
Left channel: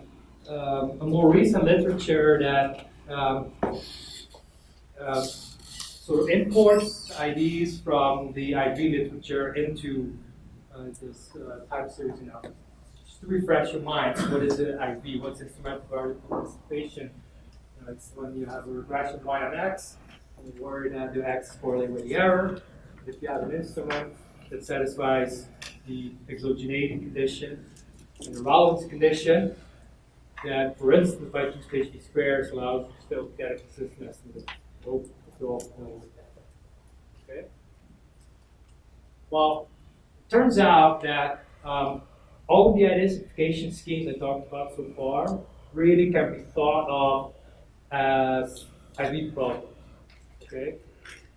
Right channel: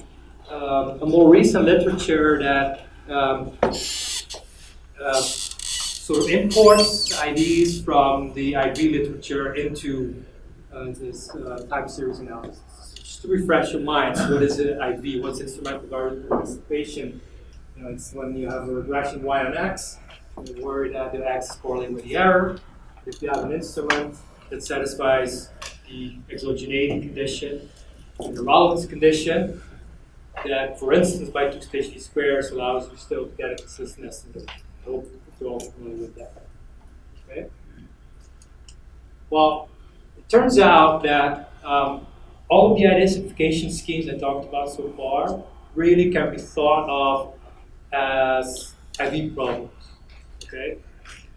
more recent literature that sort of imports ideas from the IV literature into this time series analysis. Just to refresh your minds, what is an IV? What's instrumental variable anticipation? It's when you have a regression y on x, and you're worried that the x is correlated with the error. If you have an instrument that satisfies the exogeneity condition and the relevance condition, then, for instance, by two-stage squares allows you still to get a consistent estimate. I hope you're all familiar with that. Okay. Well, it turns out that all of the identification schemes I talked about so far really can be thought of as IV problems. Okay.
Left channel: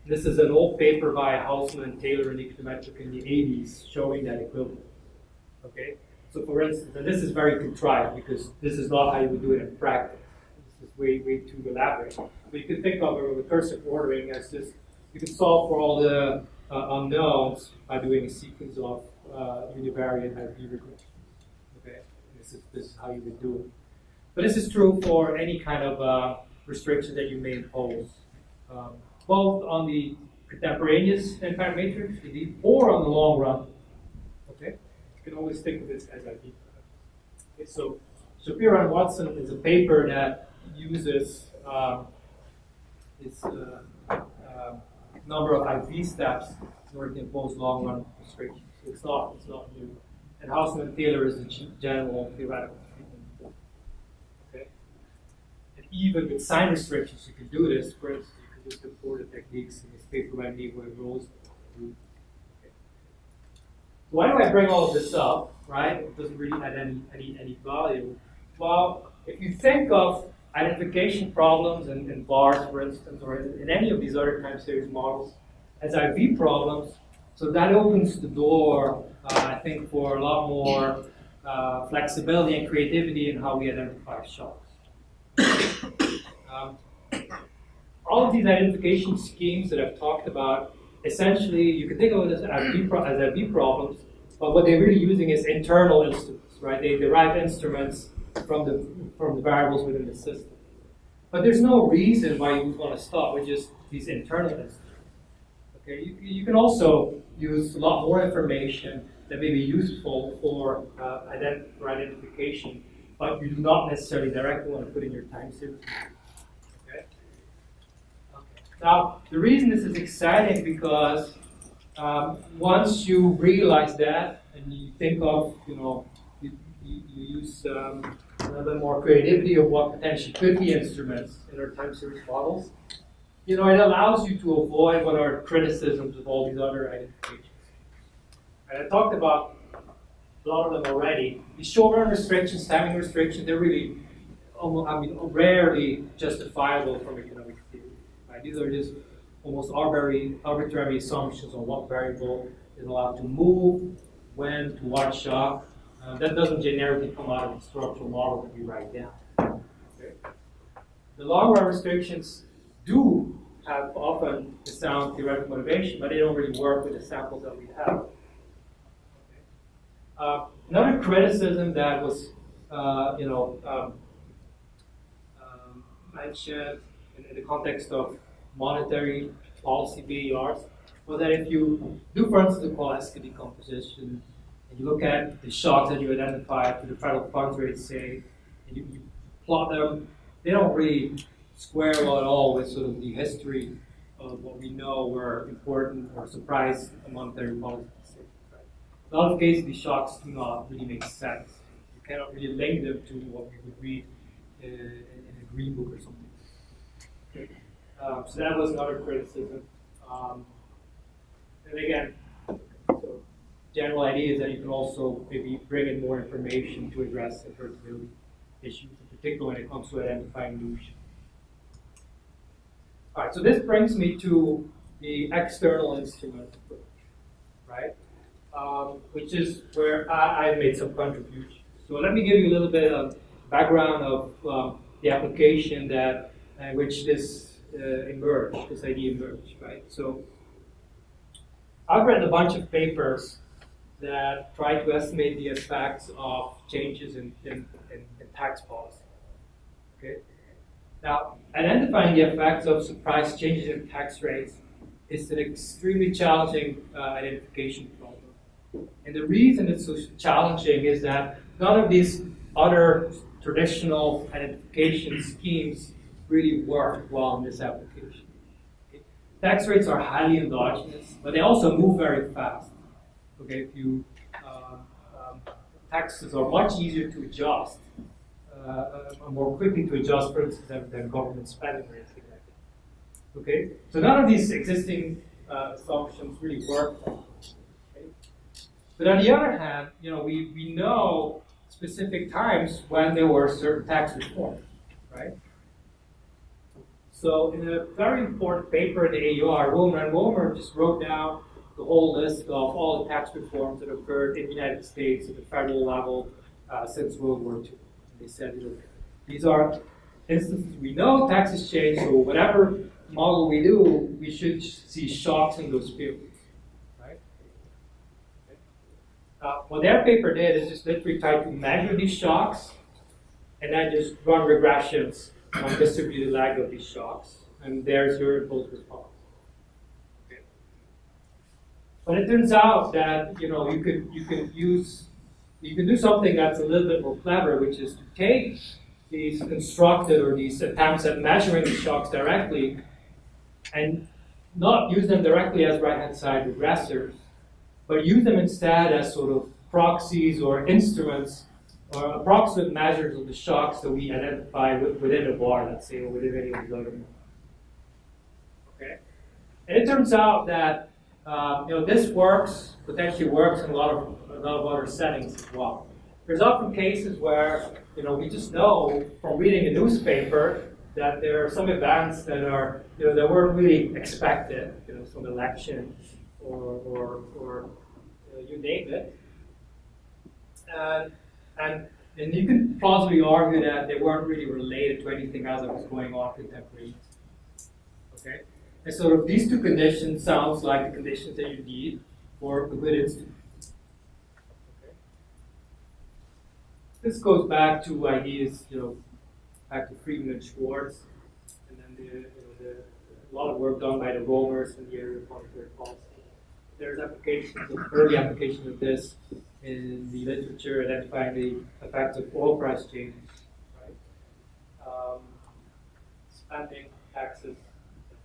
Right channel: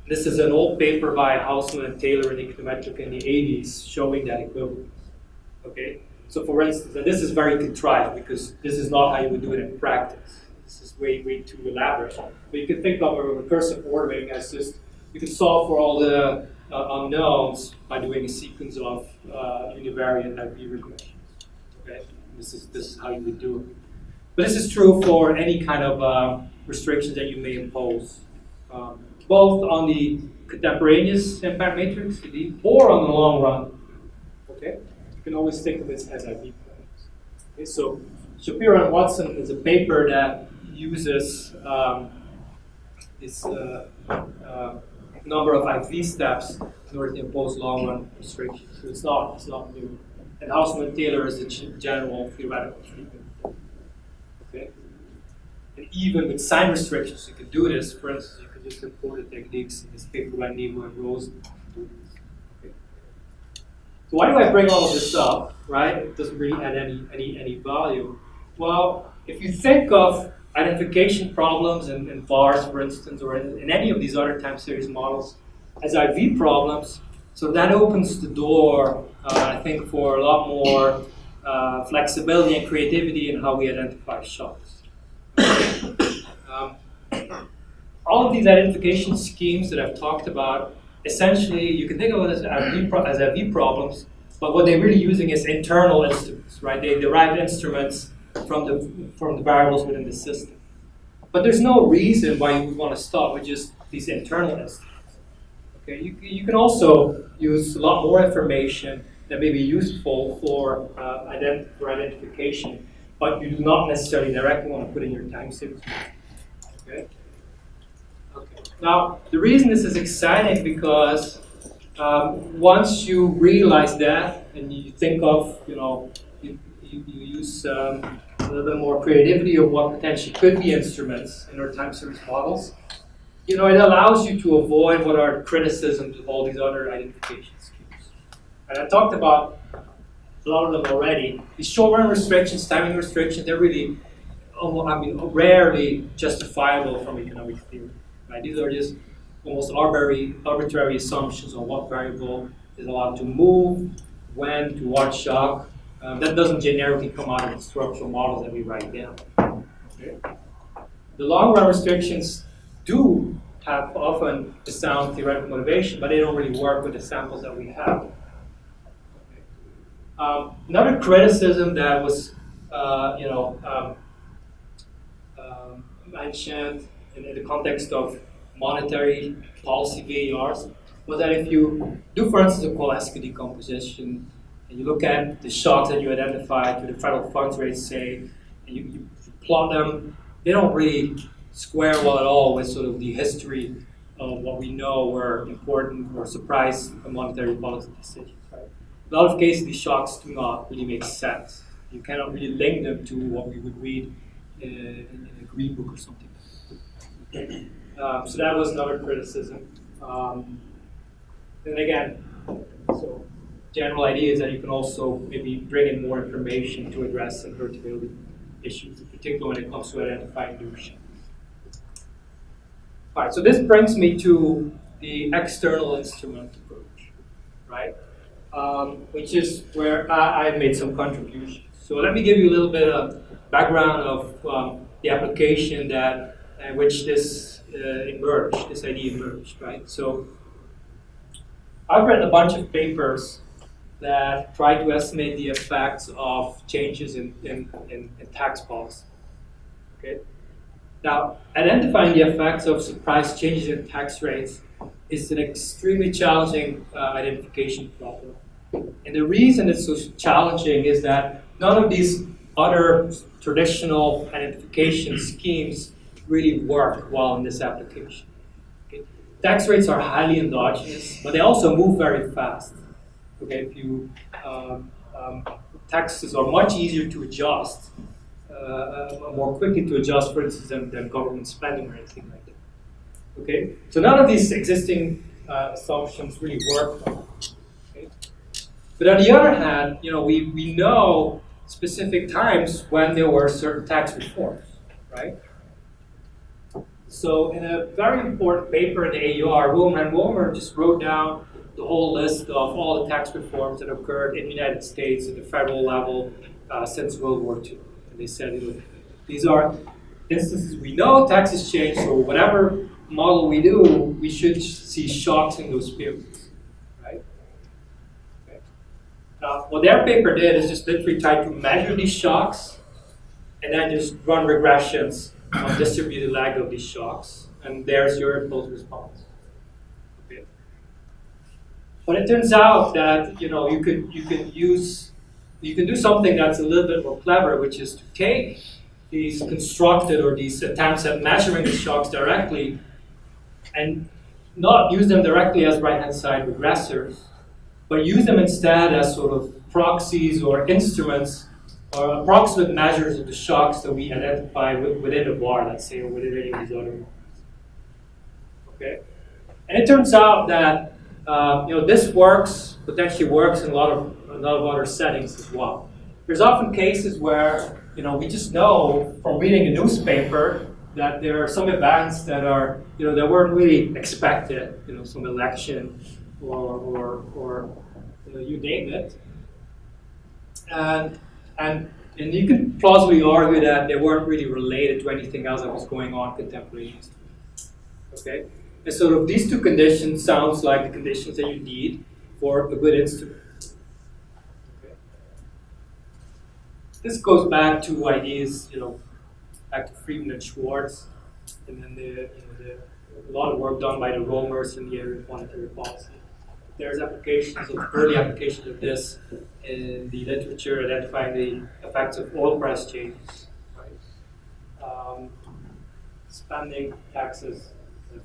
This is an old paper by Hausman and Taylor in econometric in the 80s showing that equivalence. Okay. So, for instance, and this is very contrived because this is not how you would do it in practice. This is way too elaborate. But you can think of a recursive ordering as just, you can solve for all the unknowns by doing a sequence of univariate IV regressions. Okay, this is how you would do it. But this is true for any kind of restrictions that you may impose, both on the contemporaneous impact matrix, or on the long run. Okay, you can always think of this as IV plans. Okay, so Shapiro and Watson is a paper that uses this number of IV steps in order to impose long-run restrictions. So it's not new. And Hausman and Taylor is the general theoretical treatment. Okay. And even with sign restrictions, you can do this. For instance, you can just import the techniques in this paper by Nebo and Rose. Okay. So why do I bring all of this up? Right? It doesn't really add any value. Well, if you think of identification problems in VARs, for instance, or in any of these other time series models as IV problems, so that opens the door, I think, for a lot more flexibility and creativity in how we identify shocks. All of these identification schemes that I've talked about, essentially, you can think of it as IV problems, but what they're really using is internal instruments, right? They derive instruments from the variables within the system. But there's no reason why you would want to stop with just these internal instruments. Okay, you can also use a lot more information that may be useful for identification, but you do not necessarily directly want to put in your time series. Okay. Okay. Now, the reason this is exciting because once you realize that and you think of, you use a little bit more creativity of what potentially could be instruments in our time series models, it allows you to avoid what are criticisms of all these other identification schemes. And I talked about a lot of them already. These short-run restrictions, timing restrictions, they're really, rarely justifiable from economic theory. Right? These are just almost arbitrary assumptions on what variable is allowed to move, when, to what shock. That doesn't generically come out of the structural models that we write down. Okay? The long-run restrictions do have often the sound theoretical motivation, but they don't really work with the samples that we have. Another criticism that was, mentioned in the context of monetary policy VARs was that if you do, for instance, a Kovalevsky decomposition, and you look at the shocks that you identified to the federal funds rate, say, and you plot them, they don't really square well at all with sort of the history of what we know were important or surprise monetary policy decisions. Right? In a lot of cases, these shocks do not really make sense. You cannot really link them to what we would read in a green book or something. So that was another criticism. And again, so general idea is that you can also maybe bring in more information to address invertibility issues, in particular when it comes to identifying new shocks. All right, so this brings me to the external instrument approach, right? Which is where I've made some contributions. So let me give you a little bit of background of the application that which this emerged, this idea emerged, right? So I've read a bunch of papers that try to estimate the effects of changes in tax policy. Okay. Now, identifying the effects of surprise changes in tax rates is an extremely challenging identification problem. And the reason it's so challenging is that none of these other traditional identification schemes really work well in this application. Okay? Tax rates are highly endogenous, but they also move very fast. Okay, if you taxes are much easier to adjust, more quickly to adjust, for instance, than government spending or anything like that. Okay, so none of these existing assumptions really work well. Okay? But on the other hand, we know specific times when there were certain tax reforms, right? So in a very important paper in the AUR, Wilmer and Wilmer just wrote down the whole list of all the tax reforms that occurred in the United States at the federal level since World War II. And they said, these are instances we know taxes change, so whatever model we do, we should see shocks in those periods, right? Okay. What their paper did is just literally try to measure these shocks and then just run regressions on distributed lag of these shocks, and there's your impulse response. Okay. But it turns out that you can do something that's a little bit more clever, which is to take these constructed or these attempts at measuring the shocks directly and not use them directly as right-hand side regressors, but use them instead as sort of proxies or instruments or approximate measures of the shocks that we identify within a bar, let's say, or within any of these other models. Okay, and it turns out that this potentially works in a lot of other settings as well. There's often cases where we just know from reading a newspaper that there are some events that are that weren't really expected, some election or you name it, and you could plausibly argue that they weren't really related to anything else that was going on contemporaneously. Okay, and so these two conditions sounds like the conditions that you need for a good instrument. Okay. This goes back to ideas, back to Friedman and Schwartz, and then a lot of work done by the Romers in the area of monetary policy. there's applications of early applications of this in the literature identifying the effects of oil price changes, right? Spending, taxes,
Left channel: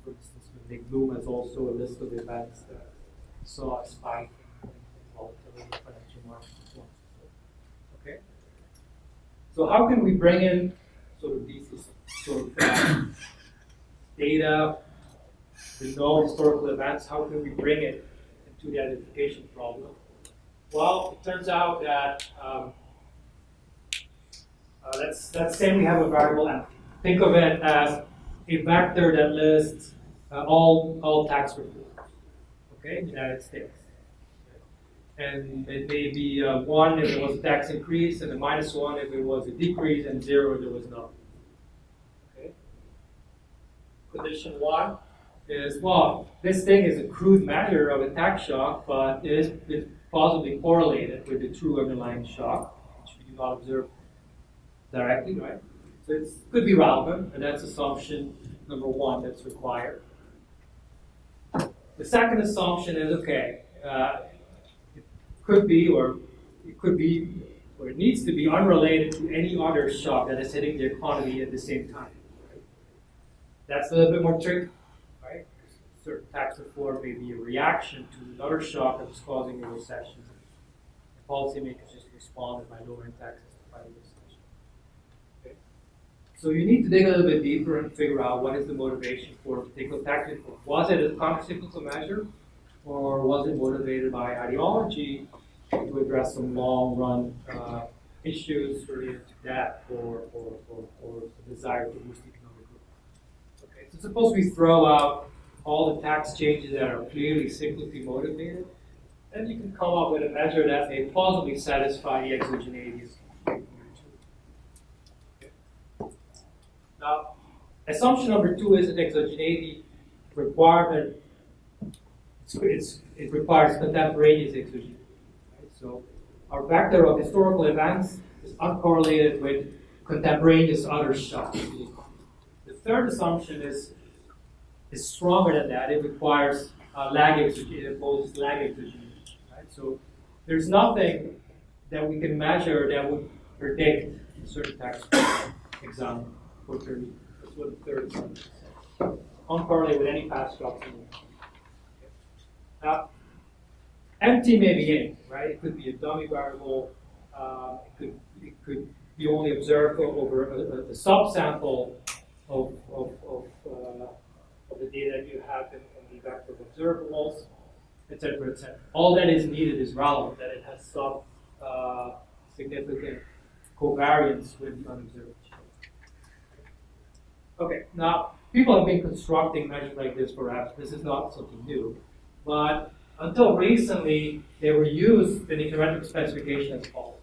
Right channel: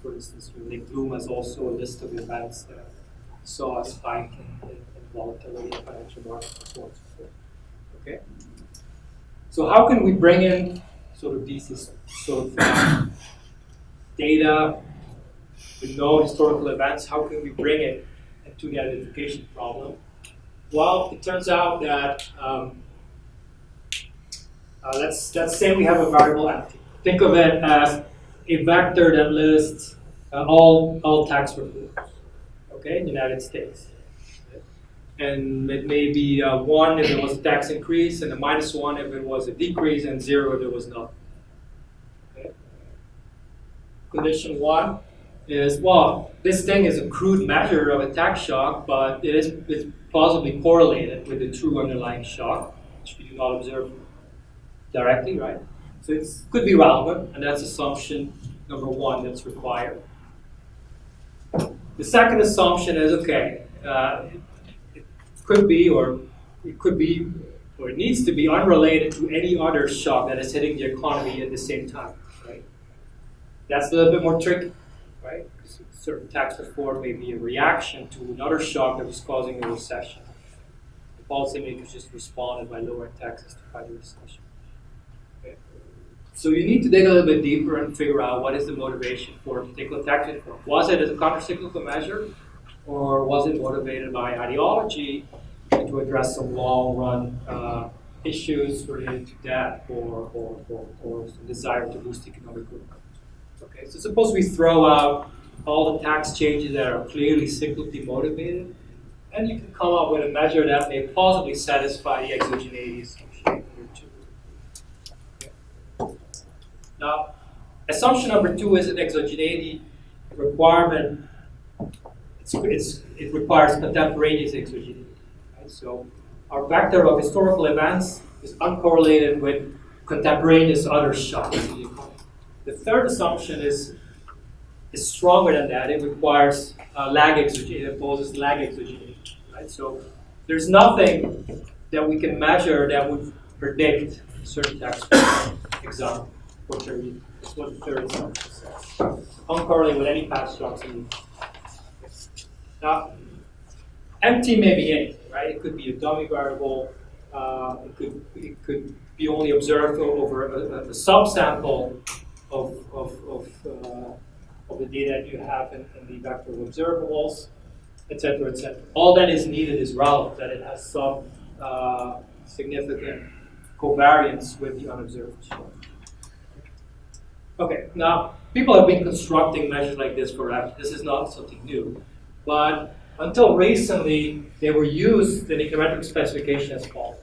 for instance, Nick Bloom has also a list of events that saw a spike in volatility in financial markets and so on and so forth. Okay. So how can we bring in sort of these sort of data, we know historical events, how can we bring it into the identification problem? Well, it turns out that let's say we have a variable empty. Think of it as a vector that lists all tax reports, okay, in the United States. And it may be 1 if it was a tax increase, and a -1 if it was a decrease, and 0 if there was none. Okay. Condition 1 is, well, this thing is a crude measure of a tax shock, but it's plausibly correlated with the true underlying shock, which we do not observe directly, right? So it could be relevant, and that's assumption number 1 that's required. The second assumption is, okay, it could be, or it needs to be unrelated to any other shock that is hitting the economy at the same time, right? That's a little bit more tricky, right? Because certain tax reform may be a reaction to another shock that was causing a recession. The policymakers just responded by lowering taxes to fight the recession. Okay? So you need to dig a little bit deeper and figure out what is the motivation for a particular tax reform. Was it as a countercyclical measure, or was it motivated by ideology to address some long-run issues related to debt or some desire to boost economic growth? Okay, so suppose we throw out all the tax changes that are clearly cyclically motivated, and you can come up with a measure that may plausibly satisfy the exogeneity assumption number 2. Okay. Now, assumption number 2 is an exogeneity requirement. It requires contemporaneous exogeneity. Right? So our vector of historical events is uncorrelated with contemporaneous other shocks. The third assumption is stronger than that. It requires lag exogeneity. It imposes lag exogeneity. Right? So there's nothing that we can measure that would predict a certain tax example for 30. That's what the third assumption says. Uncorrelated with any past shocks in the Now, empty may be anything, right? It could be a dummy variable. It could be only observed over a subsample of the data that you have in the vector of observables, etc., etc. All that is needed is relevant, that it has some significant covariance with the unobserved shock. Okay, now people have been constructing measures like this forever. This is not something new. But until recently, they were used in econometric specification as follows.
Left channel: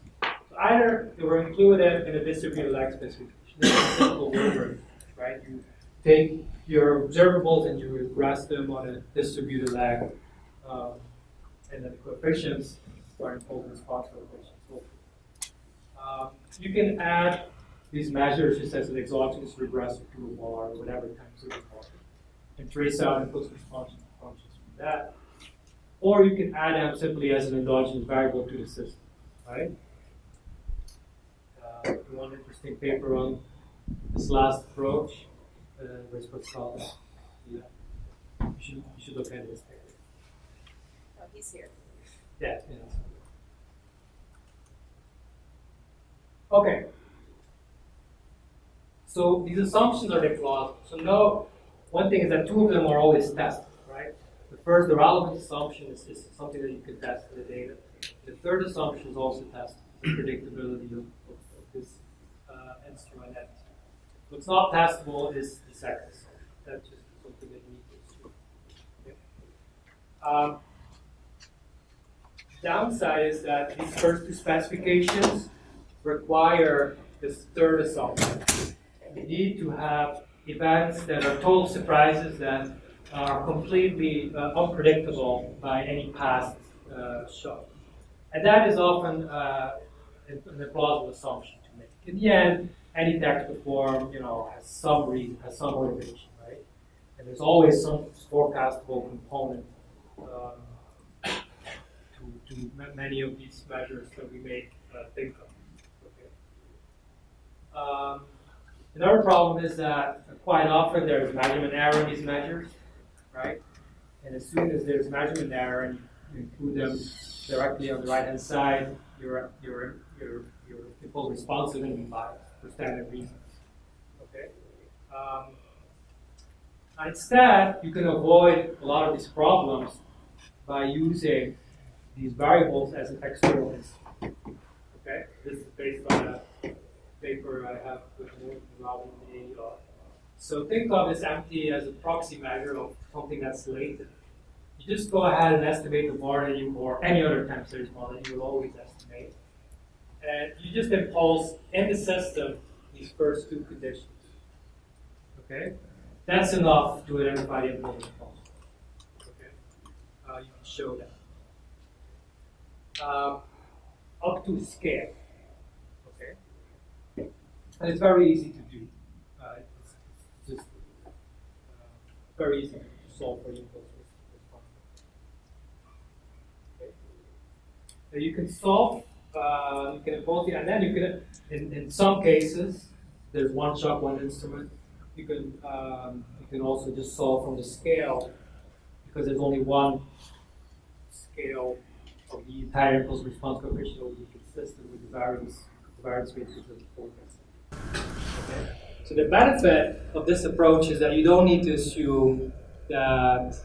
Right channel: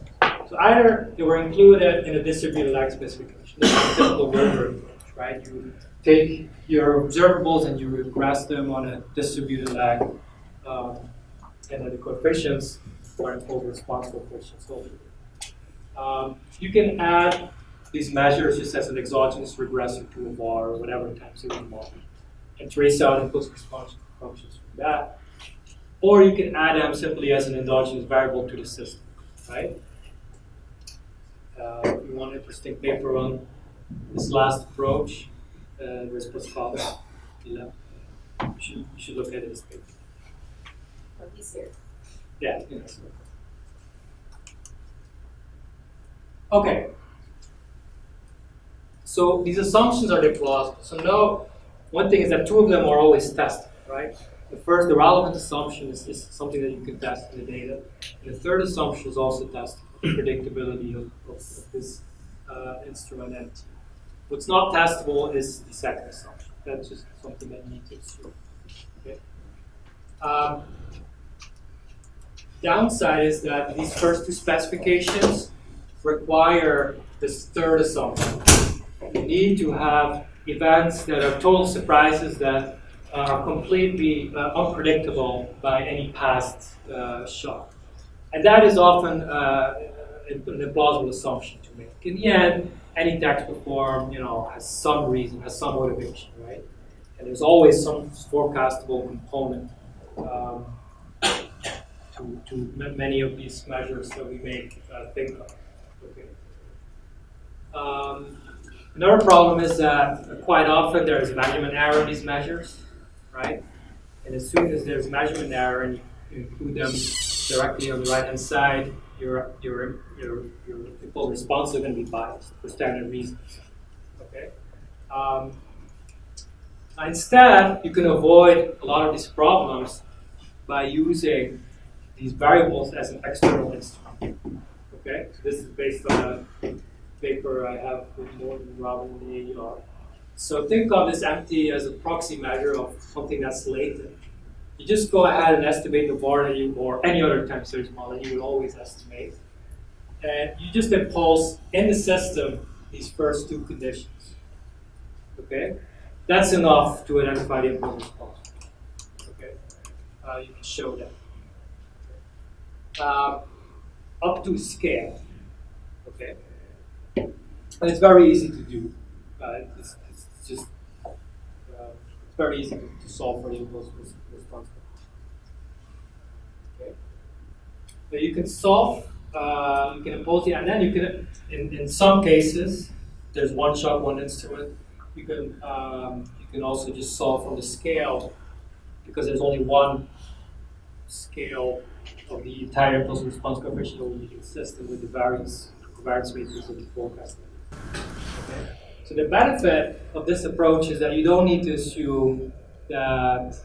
So either they were included in a distributed lag specification. This is a typical Wilbur approach, right? You take your observables and you regress them on a distributed lag, and then the coefficients are encoded response coefficients. So you can add these measures just as an exogenous regressor to a bar or whatever time series model, and trace out impulse response functions from that. Or you can add them simply as an endogenous variable to the system, right? If you want an interesting paper on this last approach, there's Pascal. Yeah. You should look at this paper. Oh, he's here. Yeah, so. Okay. So these assumptions are they plausible? So now, one thing is that 2 of them are always tested, right? The relevant assumption is something that you can test in the data. And the third assumption is also tested, the predictability of this instrument entity. What's not testable is the second assumption. That's just something that you need to assume. Okay? Downside is that these first 2 specifications require this third assumption. You need to have events that are total surprises that are completely unpredictable by any past shock. And that is often an implausible assumption to make. In the end, any tax reform, has some reason, has some motivation, right? And there's always some forecastable component many of these measures that we may think of. Okay. Another problem is that quite often there is measurement error in these measures, right? And as soon as there's measurement error and you include them directly on the right-hand side, your impulse response is going to be biased for standard reasons. Okay. Instead, you can avoid a lot of these problems by using these variables as an external instrument. Okay, so this is based on a paper I have with Morton, Robin, and AER. So think of this empty as a proxy measure of something that's latent. You just go ahead and estimate the var that you, or any other time series model that you would always estimate. And you just impulse in the system these first two conditions. Okay? That's enough to identify the impulse response. Okay? You can show that. Up to scale. Okay? And it's very easy to do. It's just very easy to solve for the impulse response. Okay? So you can solve, you can impose it, and then you can, in some cases, there's one shock, one instrument. You can also just solve from the scale, because there's only one scale of the entire impulse response coefficient that will be consistent with the variance matrix of the forecast. Okay. So the benefit of this approach is that you don't need to assume that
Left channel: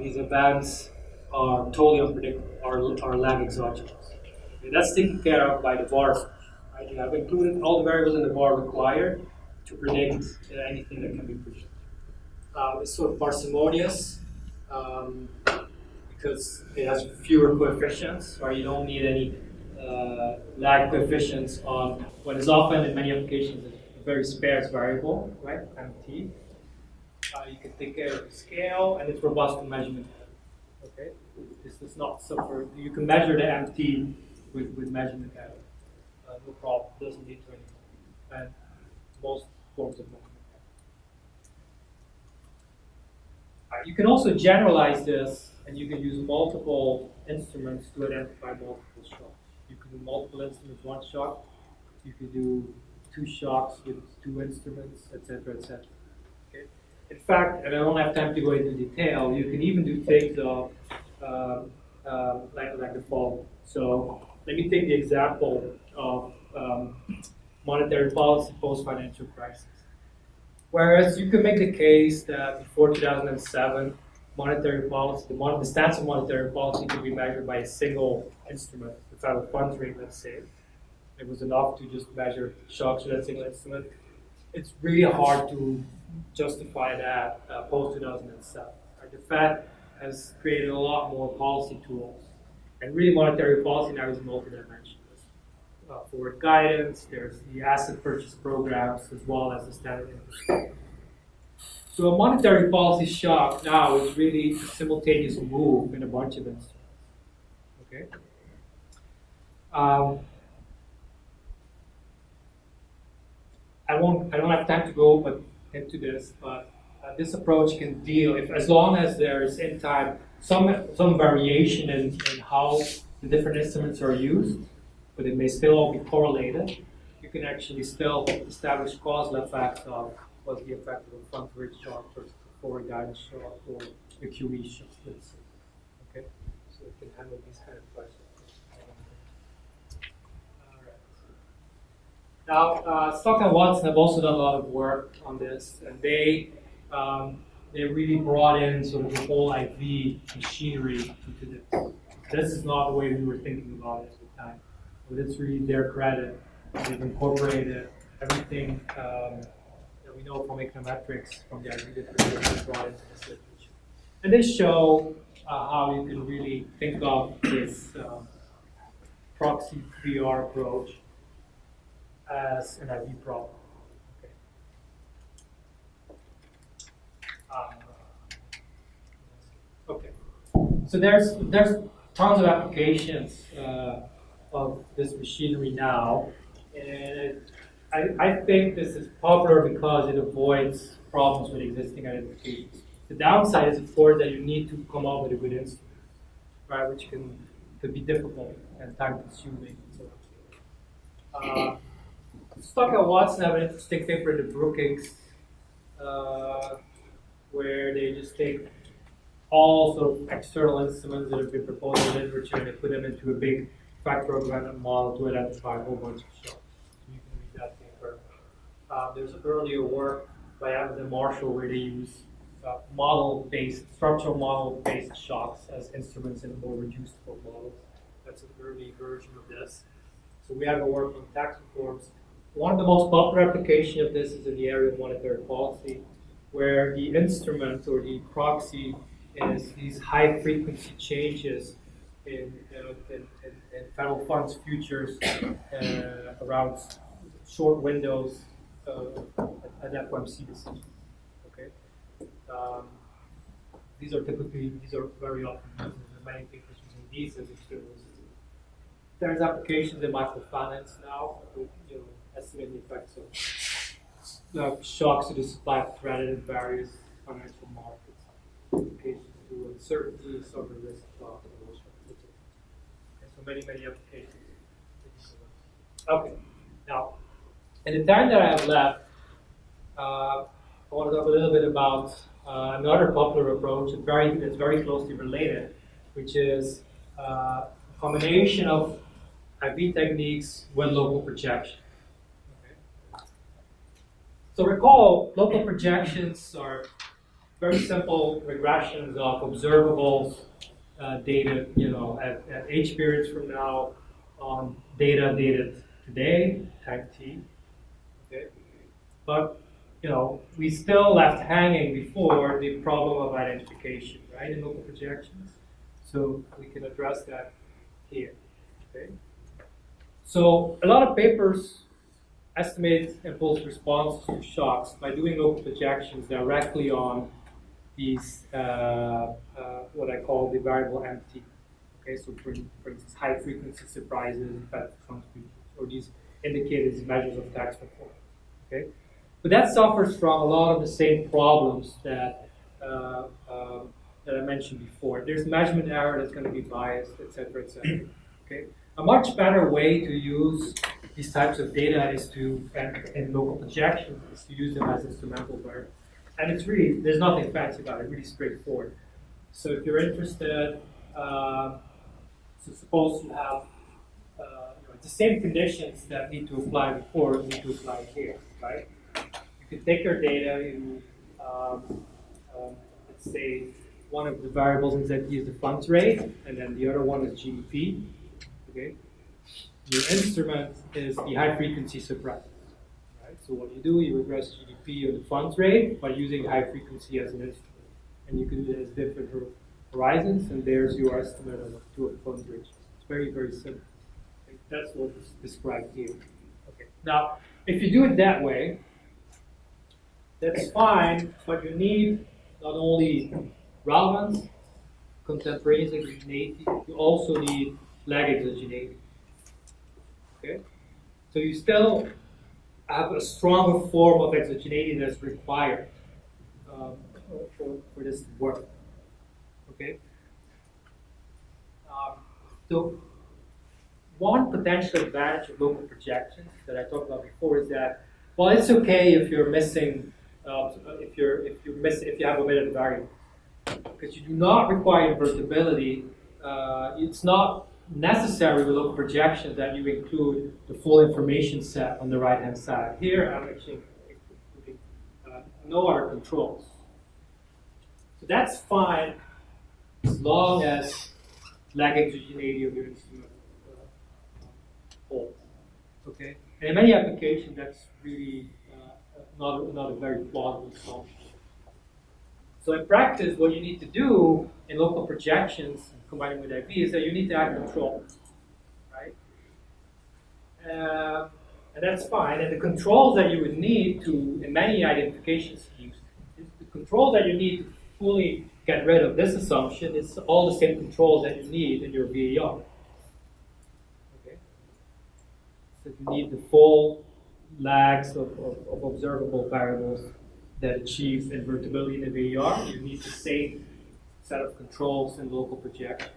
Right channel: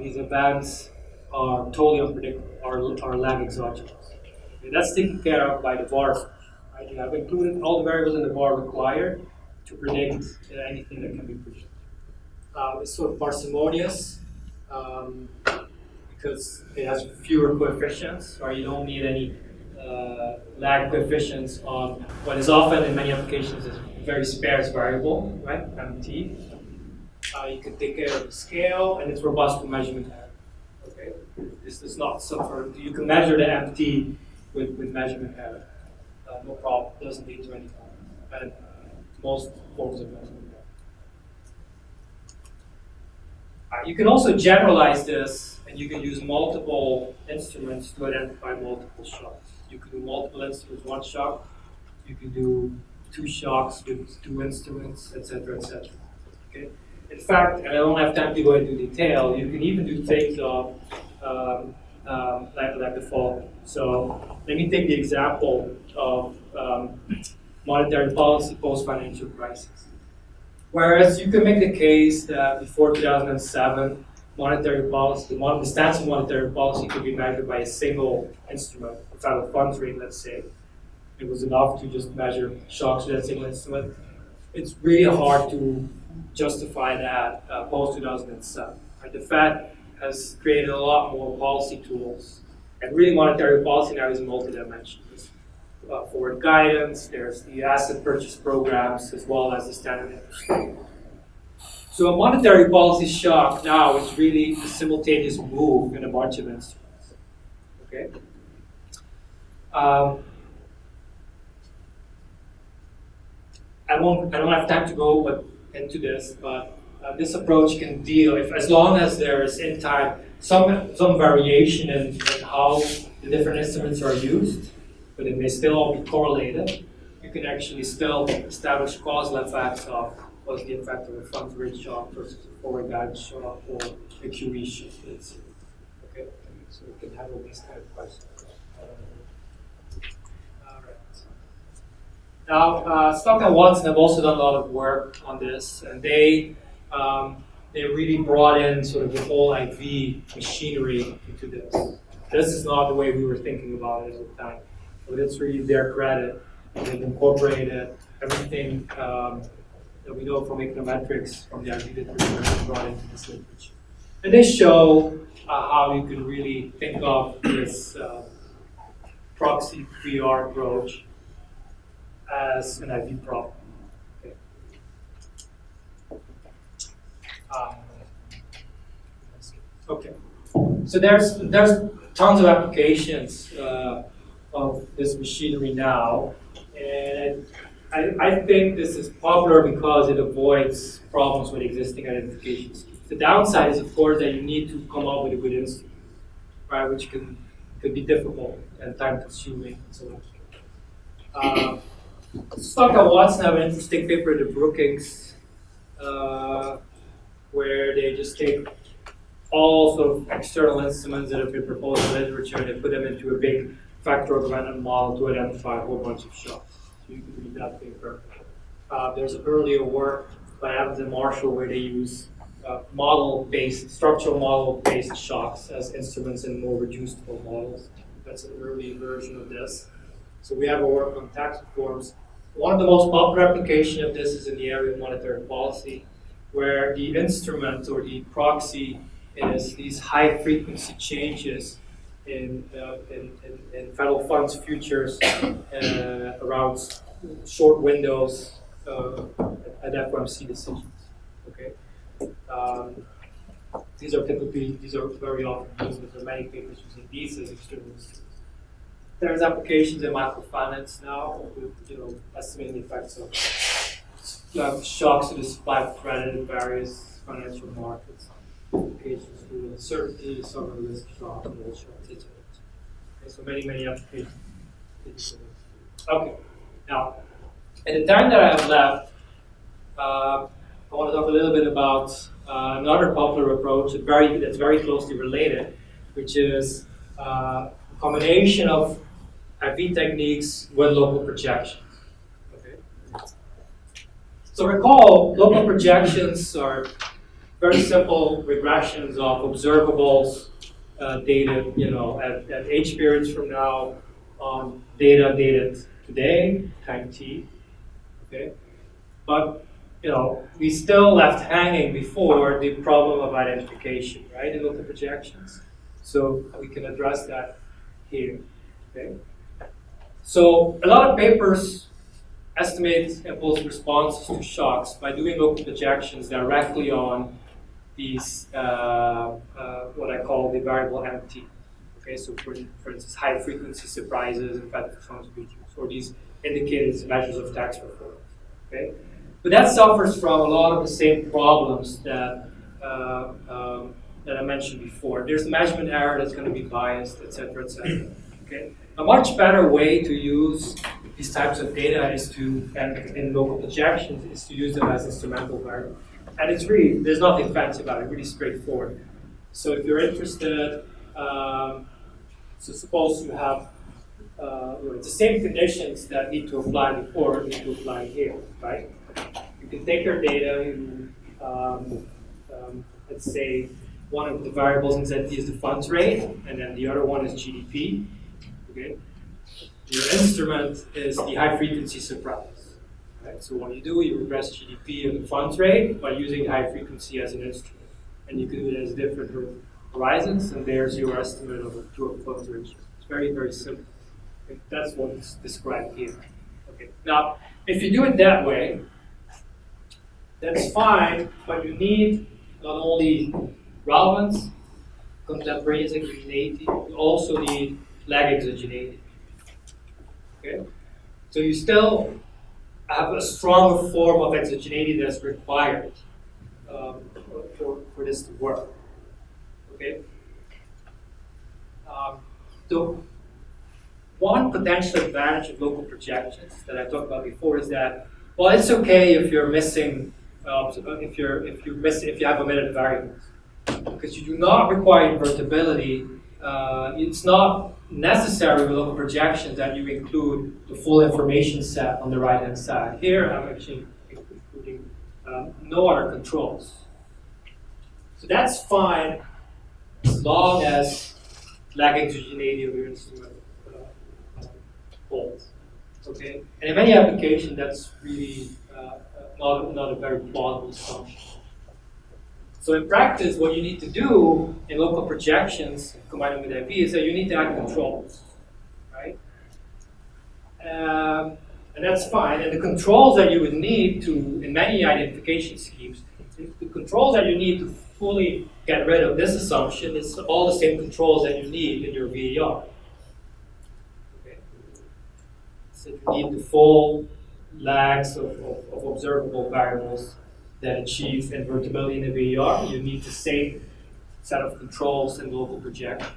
these events are totally unpredictable or lag exogenous. Okay, that's taken care of by the VAR. Right? You have included all the variables in the VAR required to predict anything that can be predicted. It's sort of parsimonious because it has fewer coefficients, or you don't need any lag coefficients on what is often in many applications is a very sparse variable, right? MT. You can take care of the scale, and it's robust to measurement error. Okay, this does not suffer. You can measure the MT with measurement error, no problem. It doesn't lead to any problem. And most forms of measurement error. You can also generalize this, and you can use multiple instruments to identify multiple shocks. You can do multiple instruments, one shock. You can do two shocks with two instruments, etc., etc. Okay. In fact, and I don't have time to go into detail, you can even do things of like the following. So let me take the example of monetary policy post-financial crisis. Whereas you can make the case that before 2007, monetary policy, the stance of monetary policy could be measured by a single instrument, the federal funds rate, let's say. It was enough to just measure shocks with that single instrument. It's really hard to justify that post-2007. Right? The Fed has created a lot more policy tools. And really monetary policy now is multidimensional. There's forward guidance, there's the asset purchase programs, as well as the standard interest rate. So a monetary policy shock now is really a simultaneous move in a bunch of instruments. Okay? I don't have time to go into this, but this approach can deal, as long as there is in time some variation in how the different instruments are used, but it may still all be correlated. You can actually still establish causal effects of what's the effect of a funds rate shock versus a forward guidance shock or a QE shock. Okay, so we can handle these kind of questions. Now, Stock and Watson have also done a lot of work on this, and they really brought in sort of the whole IV machinery into this. This is not the way we were thinking about it at the time, but it's really their credit. They've incorporated everything that we know from econometrics, from the IV literature, brought into this literature. And they show how you can really think of this proxy VR approach as an IV problem. Okay. So there's tons of applications of this machinery now, and I think this is popular because it avoids problems with existing identification schemes. The downside is, of course, that you need to come up with a good instrument, right, which can could be difficult and time-consuming and so on. Let's talk about Watson. Have an interesting paper, the Brookings, where they just take all sort of external instruments that have been proposed in literature and they put them into a big factor augmented model to identify a whole bunch of shocks. So you can read that paper. There's earlier work by Evans and Marshall where they use structural model-based shocks as instruments in more reducible models. That's an early version of this. So we have a work on tax reforms. One of the most popular applications of this is in the area of monetary policy, where the instrument or the proxy is these high-frequency changes in federal funds futures around short windows at FOMC decisions. Okay, these are very often used. There are many papers using these as external instruments. There's applications in microfinance now with estimating the effects of shocks to the supply of credit in various financial markets. Applications to uncertainty, sovereign risk shock, and all shocks, etc. Okay, so many applications. Okay, now in the time that I have left, I want to talk a little bit about another popular approach that's very closely related, which is a combination of IV techniques with local projections. Okay. So recall, local projections are very simple regressions of observables dated, at H periods from now on data dated today, time t. Okay, but we still left hanging before the problem of identification, right, in local projections. So we can address that here. Okay. So a lot of papers estimate impulse responses to shocks by doing local projections directly on these what I call the variable MT. Okay, so for instance, high frequency surprises and federal funds futures, or these indicated as measures of tax reform. Okay, but that suffers from a lot of the same problems that that I mentioned before. There's measurement error that's going to be biased, etc., etc. Okay, a much better way to use these types of data is in local projections, is to use them as instrumental variables. And it's really, there's nothing fancy about it, really straightforward. So if you're interested, so suppose you have, it's the same conditions that need to apply before need to apply here, right? You can take your data, let's say one of the variables in ZT is the funds rate, and then the other one is GDP, okay? Your instrument is the high frequency surprise. Right? So what you do, you regress GDP and the funds rate by using high frequency as an instrument. And you can do it as different horizons, and there's your estimate of a funds ratio. It's very, very simple. Okay? That's what's described here. Okay. Now, if you do it that way, that's fine, but you need not only relevance, contemporaneous exogeneity, you also need lag exogeneity. Okay? So you still have a stronger form of exogeneity that's required for this to work. Okay. So one potential advantage of local projections that I talked about before is that, well, it's okay if you're missing, if you have omitted variables, because you do not require invertibility. It's not necessary with local projections that you include the full information set on the right-hand side. Here, I'm actually including no other controls. So that's fine as long as lag exogeneity of your instrument holds. Okay, and in many applications, that's really not a very plausible assumption. So in practice, what you need to do in local projections, combining with IV, is that you need to add controls, right? And that's fine. And the controls that you would need to, in many identification schemes, the controls that you need to fully get rid of this assumption is all the same controls that you need in your VAR. Okay? So you need the full lags of observable variables that achieve invertibility in the VAR. You need the same set of controls in local projection.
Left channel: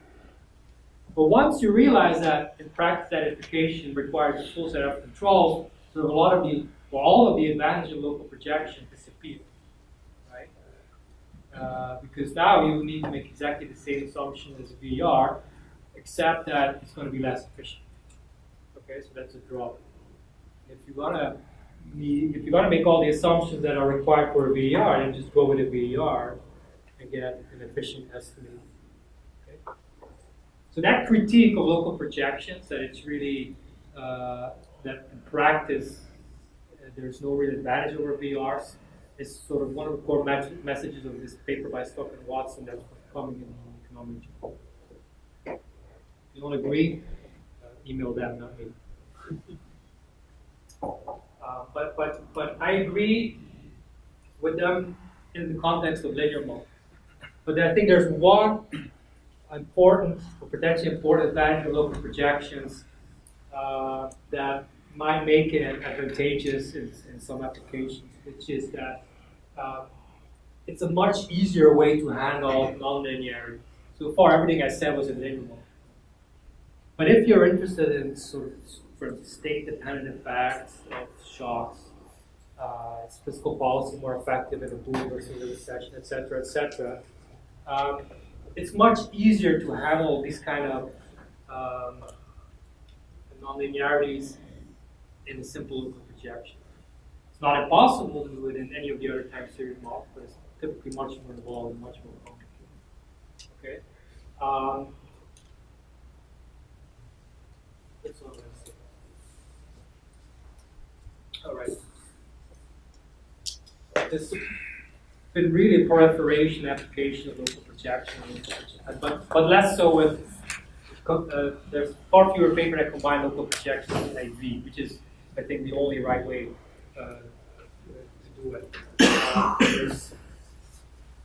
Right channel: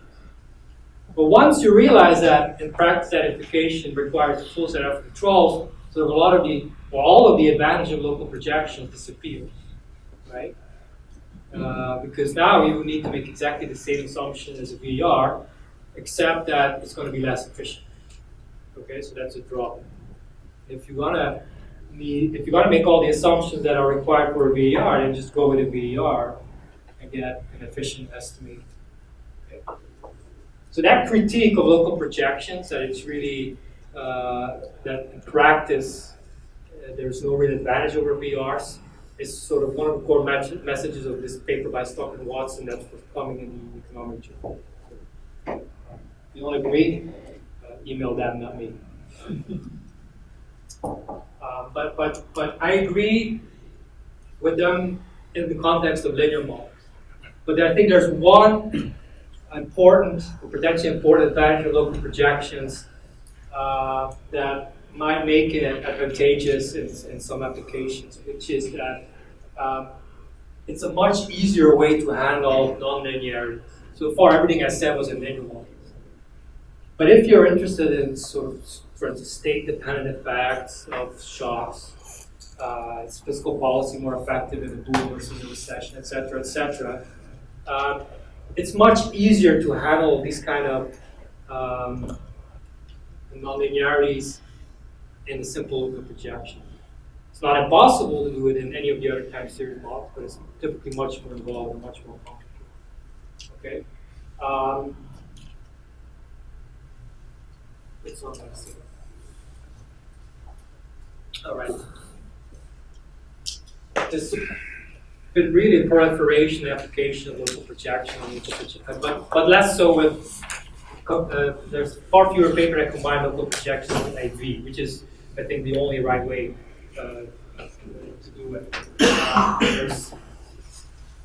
But once you realize that in practice identification requires a full set of controls, so a lot of the, or all of the advantage of local projection disappears, right? Because now you need to make exactly the same assumption as a VER, except that it's going to be less efficient. Okay, so that's a drawback. If you're gonna make all the assumptions that are required for a VER, then just go with a VER and get an efficient estimate. Okay? So that critique of local projections, that it's really that in practice there's no real advantage over VERs, is sort of one of the core messages of this paper by Stock and Watson that's forthcoming in the Economic Journal. If you don't agree, email them, not me. But I agree with them in the context of linear models. But I think there's one important, or potentially important advantage of local projections that might make it advantageous in some applications, which is that it's a much easier way to handle nonlinearity. So far, everything I said was in linear models. But if you're interested in sort of, for instance, state-dependent effects of shocks, is fiscal policy more effective in a boom versus a recession, et cetera, it's much easier to handle these kind of nonlinearities in a simple local projection. It's not impossible to do it in any of the other time series models, but it's typically much more involved and much more complicated. Okay. It's not that simple. All right. There's been really a proliferation application of local projection, but less so with. There's far fewer papers that combine local projections with IV, which is, I think, the only right way to do it. There's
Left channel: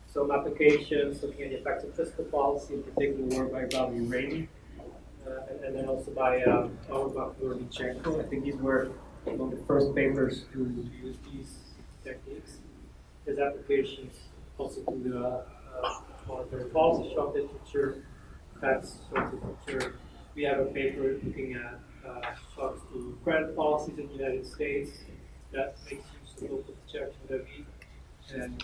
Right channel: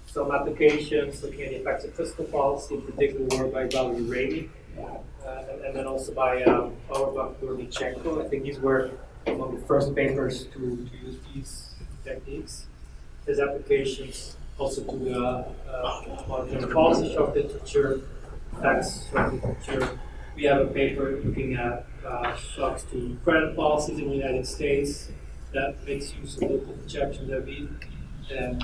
some applications looking at the effects of fiscal policy, in particular work by Valery Raby, and then also by Auerbach and Lornichenko. I think these were among the first papers to use these techniques. There's applications also to the monetary policy shock literature, tax shock literature. We have a paper looking at shocks to credit policies in the United States that makes use of local projections that we. And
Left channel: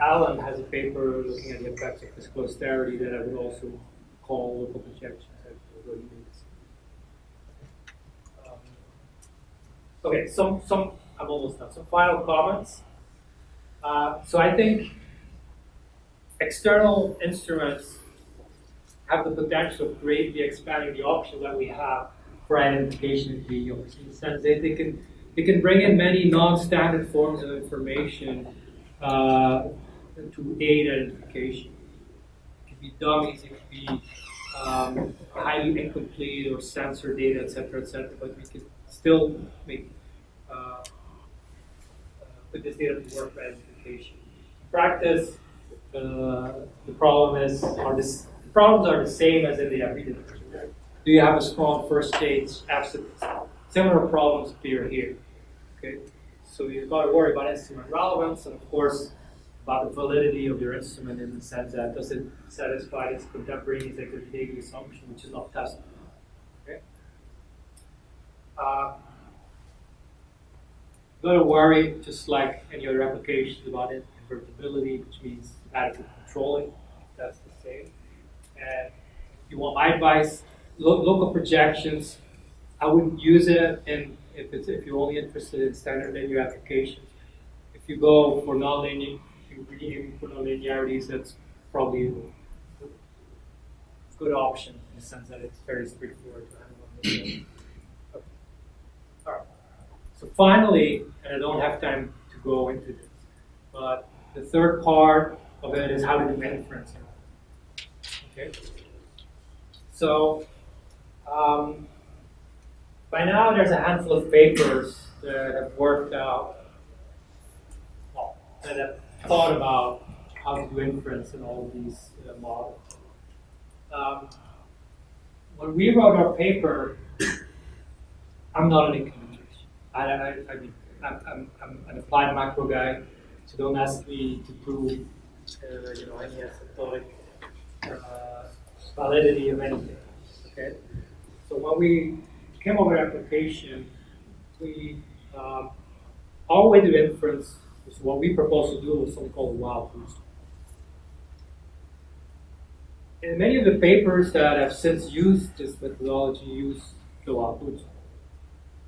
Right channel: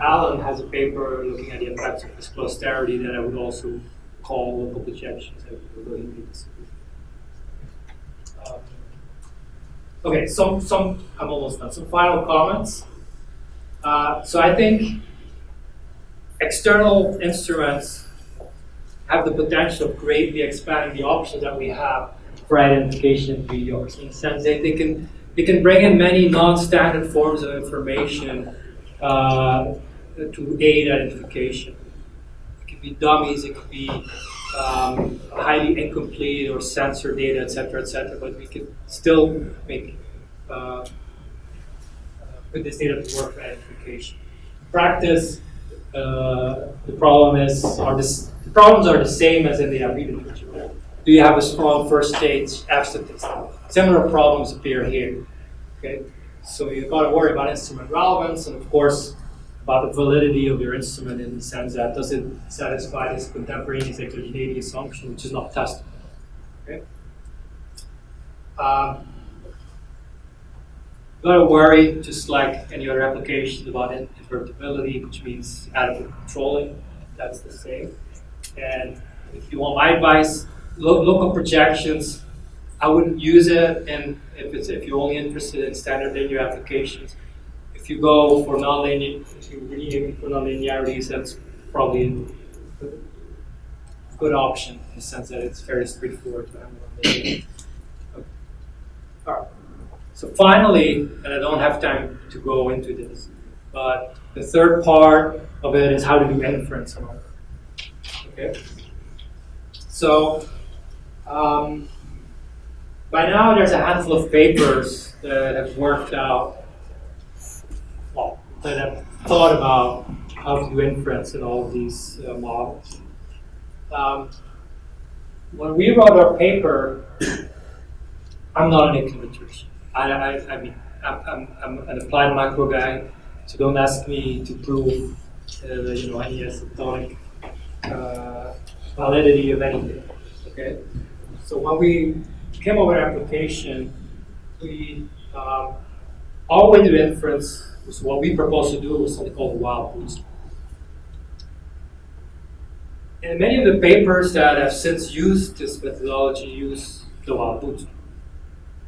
Alan has a paper looking at the effects of fiscal austerity that I would also call local projections. Okay, I'm almost done. Some final comments. So I think external instruments have the potential of greatly expanding the options that we have for identification in VERs. In the sense that they can bring in many non-standard forms of information to aid identification. It could be dummies, it could be highly incomplete or censored data, etc., but we could still make put this data to work for identification. In practice, the problems are the same as in the IV literature. Do you have a strong first stage F statistic? Similar problems appear here. Okay, so you've got to worry about instrument relevance and, of course, about the validity of your instrument in the sense that does it satisfy this contemporaneous exogeneity assumption, which is not testable. Okay. Got to worry, just like any other applications, about invertibility, which means adequate controlling. That's the same. And if you want my advice, local projections, I wouldn't use it if you're only interested in standard linear applications. If you go for nonlinear, if you're really aiming for nonlinearities, that's probably a good option in the sense that it's very straightforward to handle. Okay. All right. So finally, and I don't have time to go into this, but the third part of it is how to do inference and all. Okay. So by now there's a handful of papers that have worked out, well, that have thought about how to do inference in all of these models. When we wrote our paper, I'm not an econometrician. I mean, I'm an applied macro guy, so don't ask me to prove, any asymptotic validity of anything. Okay, so when we came up with an application, we our way to inference was what we proposed to do was something called wild bootstrap. And many of the papers that have since used this methodology use the wild bootstrap.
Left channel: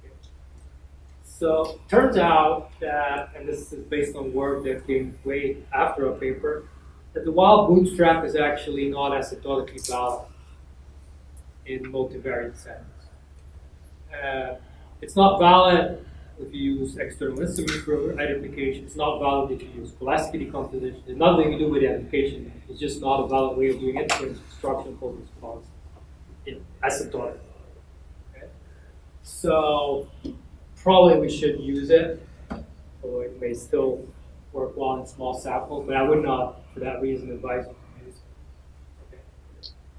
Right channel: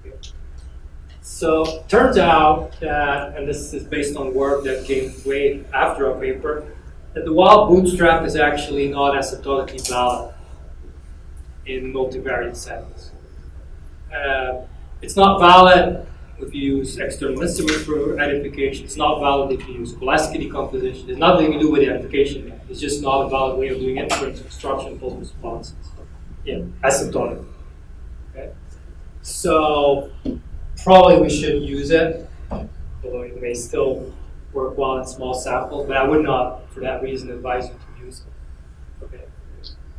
Okay. So turns out that, and this is based on work that came way after our paper, that the wild bootstrap is actually not asymptotically valid in multivariate settings. It's not valid if you use external instruments for identification. It's not valid if you use scholastic decomposition. There's nothing to do with identification there. It's just not a valid way of doing inference, construction, false responses. Yeah, asymptotic. Okay. So probably we shouldn't use it, although it may still work well in small samples, but I would not, for that reason, advise you to use it. Okay.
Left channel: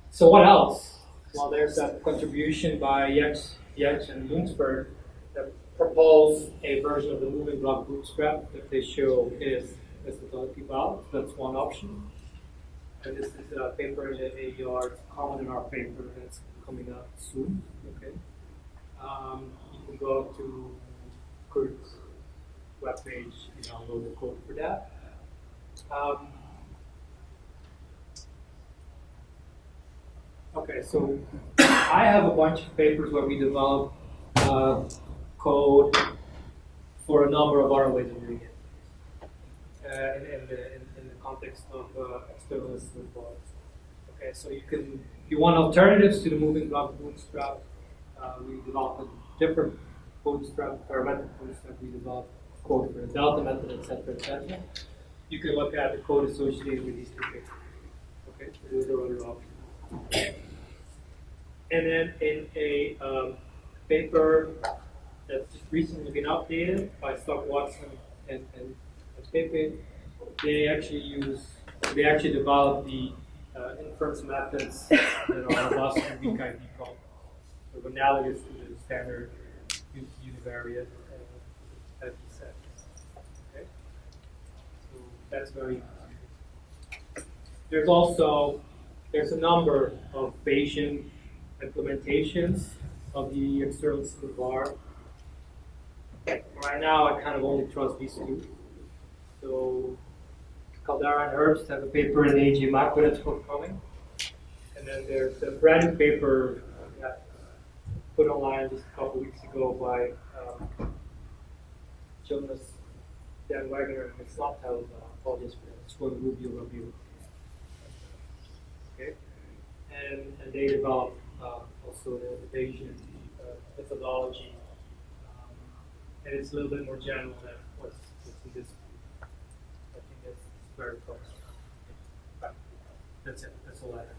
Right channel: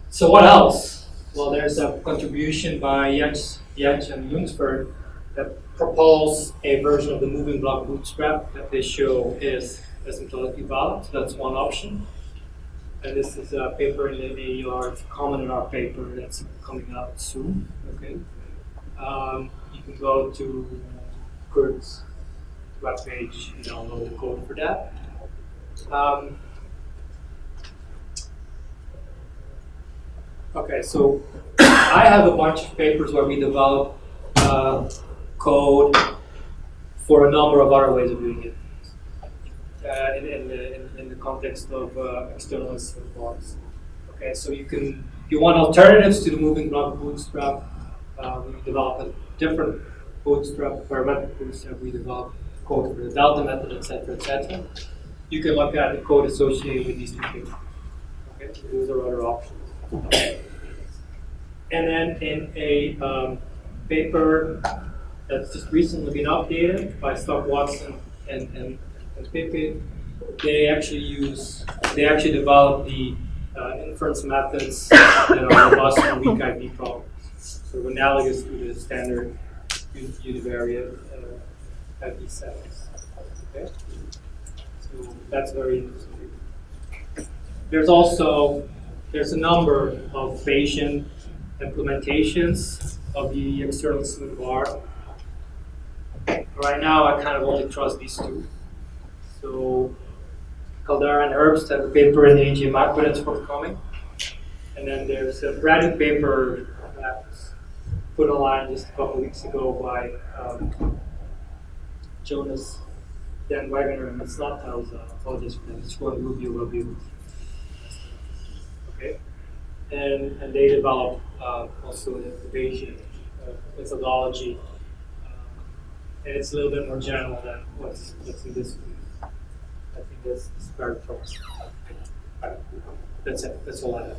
So what else? Well, there's a contribution by Yetch and Lunsford that propose a version of the moving block bootstrap that they show is asymptotically valid. So that's one option. And this is a paper in the AER. It's common in our paper that's coming out soon. Okay. You can go to Kurt's webpage and download the code for that. Okay, so I have a bunch of papers where we develop code for a number of other ways of doing it in the context of external instrument blocks. Okay, so you can, if you want alternatives to the moving block bootstrap, we develop a different bootstrap, parametric bootstrap. We develop code for the delta method, etc., etc. You can look at the code associated with these two papers. Okay, so those are other options. And then in a paper that's just recently been updated by Stock Watson and Pippin, they actually developed the inference methods that are robust for weak ID problems, sort of analogous to the standard univariate ID settings. Okay, so that's very interesting. There's a number of Bayesian implementations of the external instrument bar. Right now, I kind of only trust these two. So Caldera and Herbst have a paper in the AG Macro that's forthcoming. And then there's a brand new paper that was put online just a couple of weeks ago by Jonas Dan Wagner, and it's not Telza. Apologies for that. It's called Rubio. Okay. And they developed also the Bayesian methodology. And it's a little bit more general than what's in this one. I think this is very promising. That's it. That's all I have.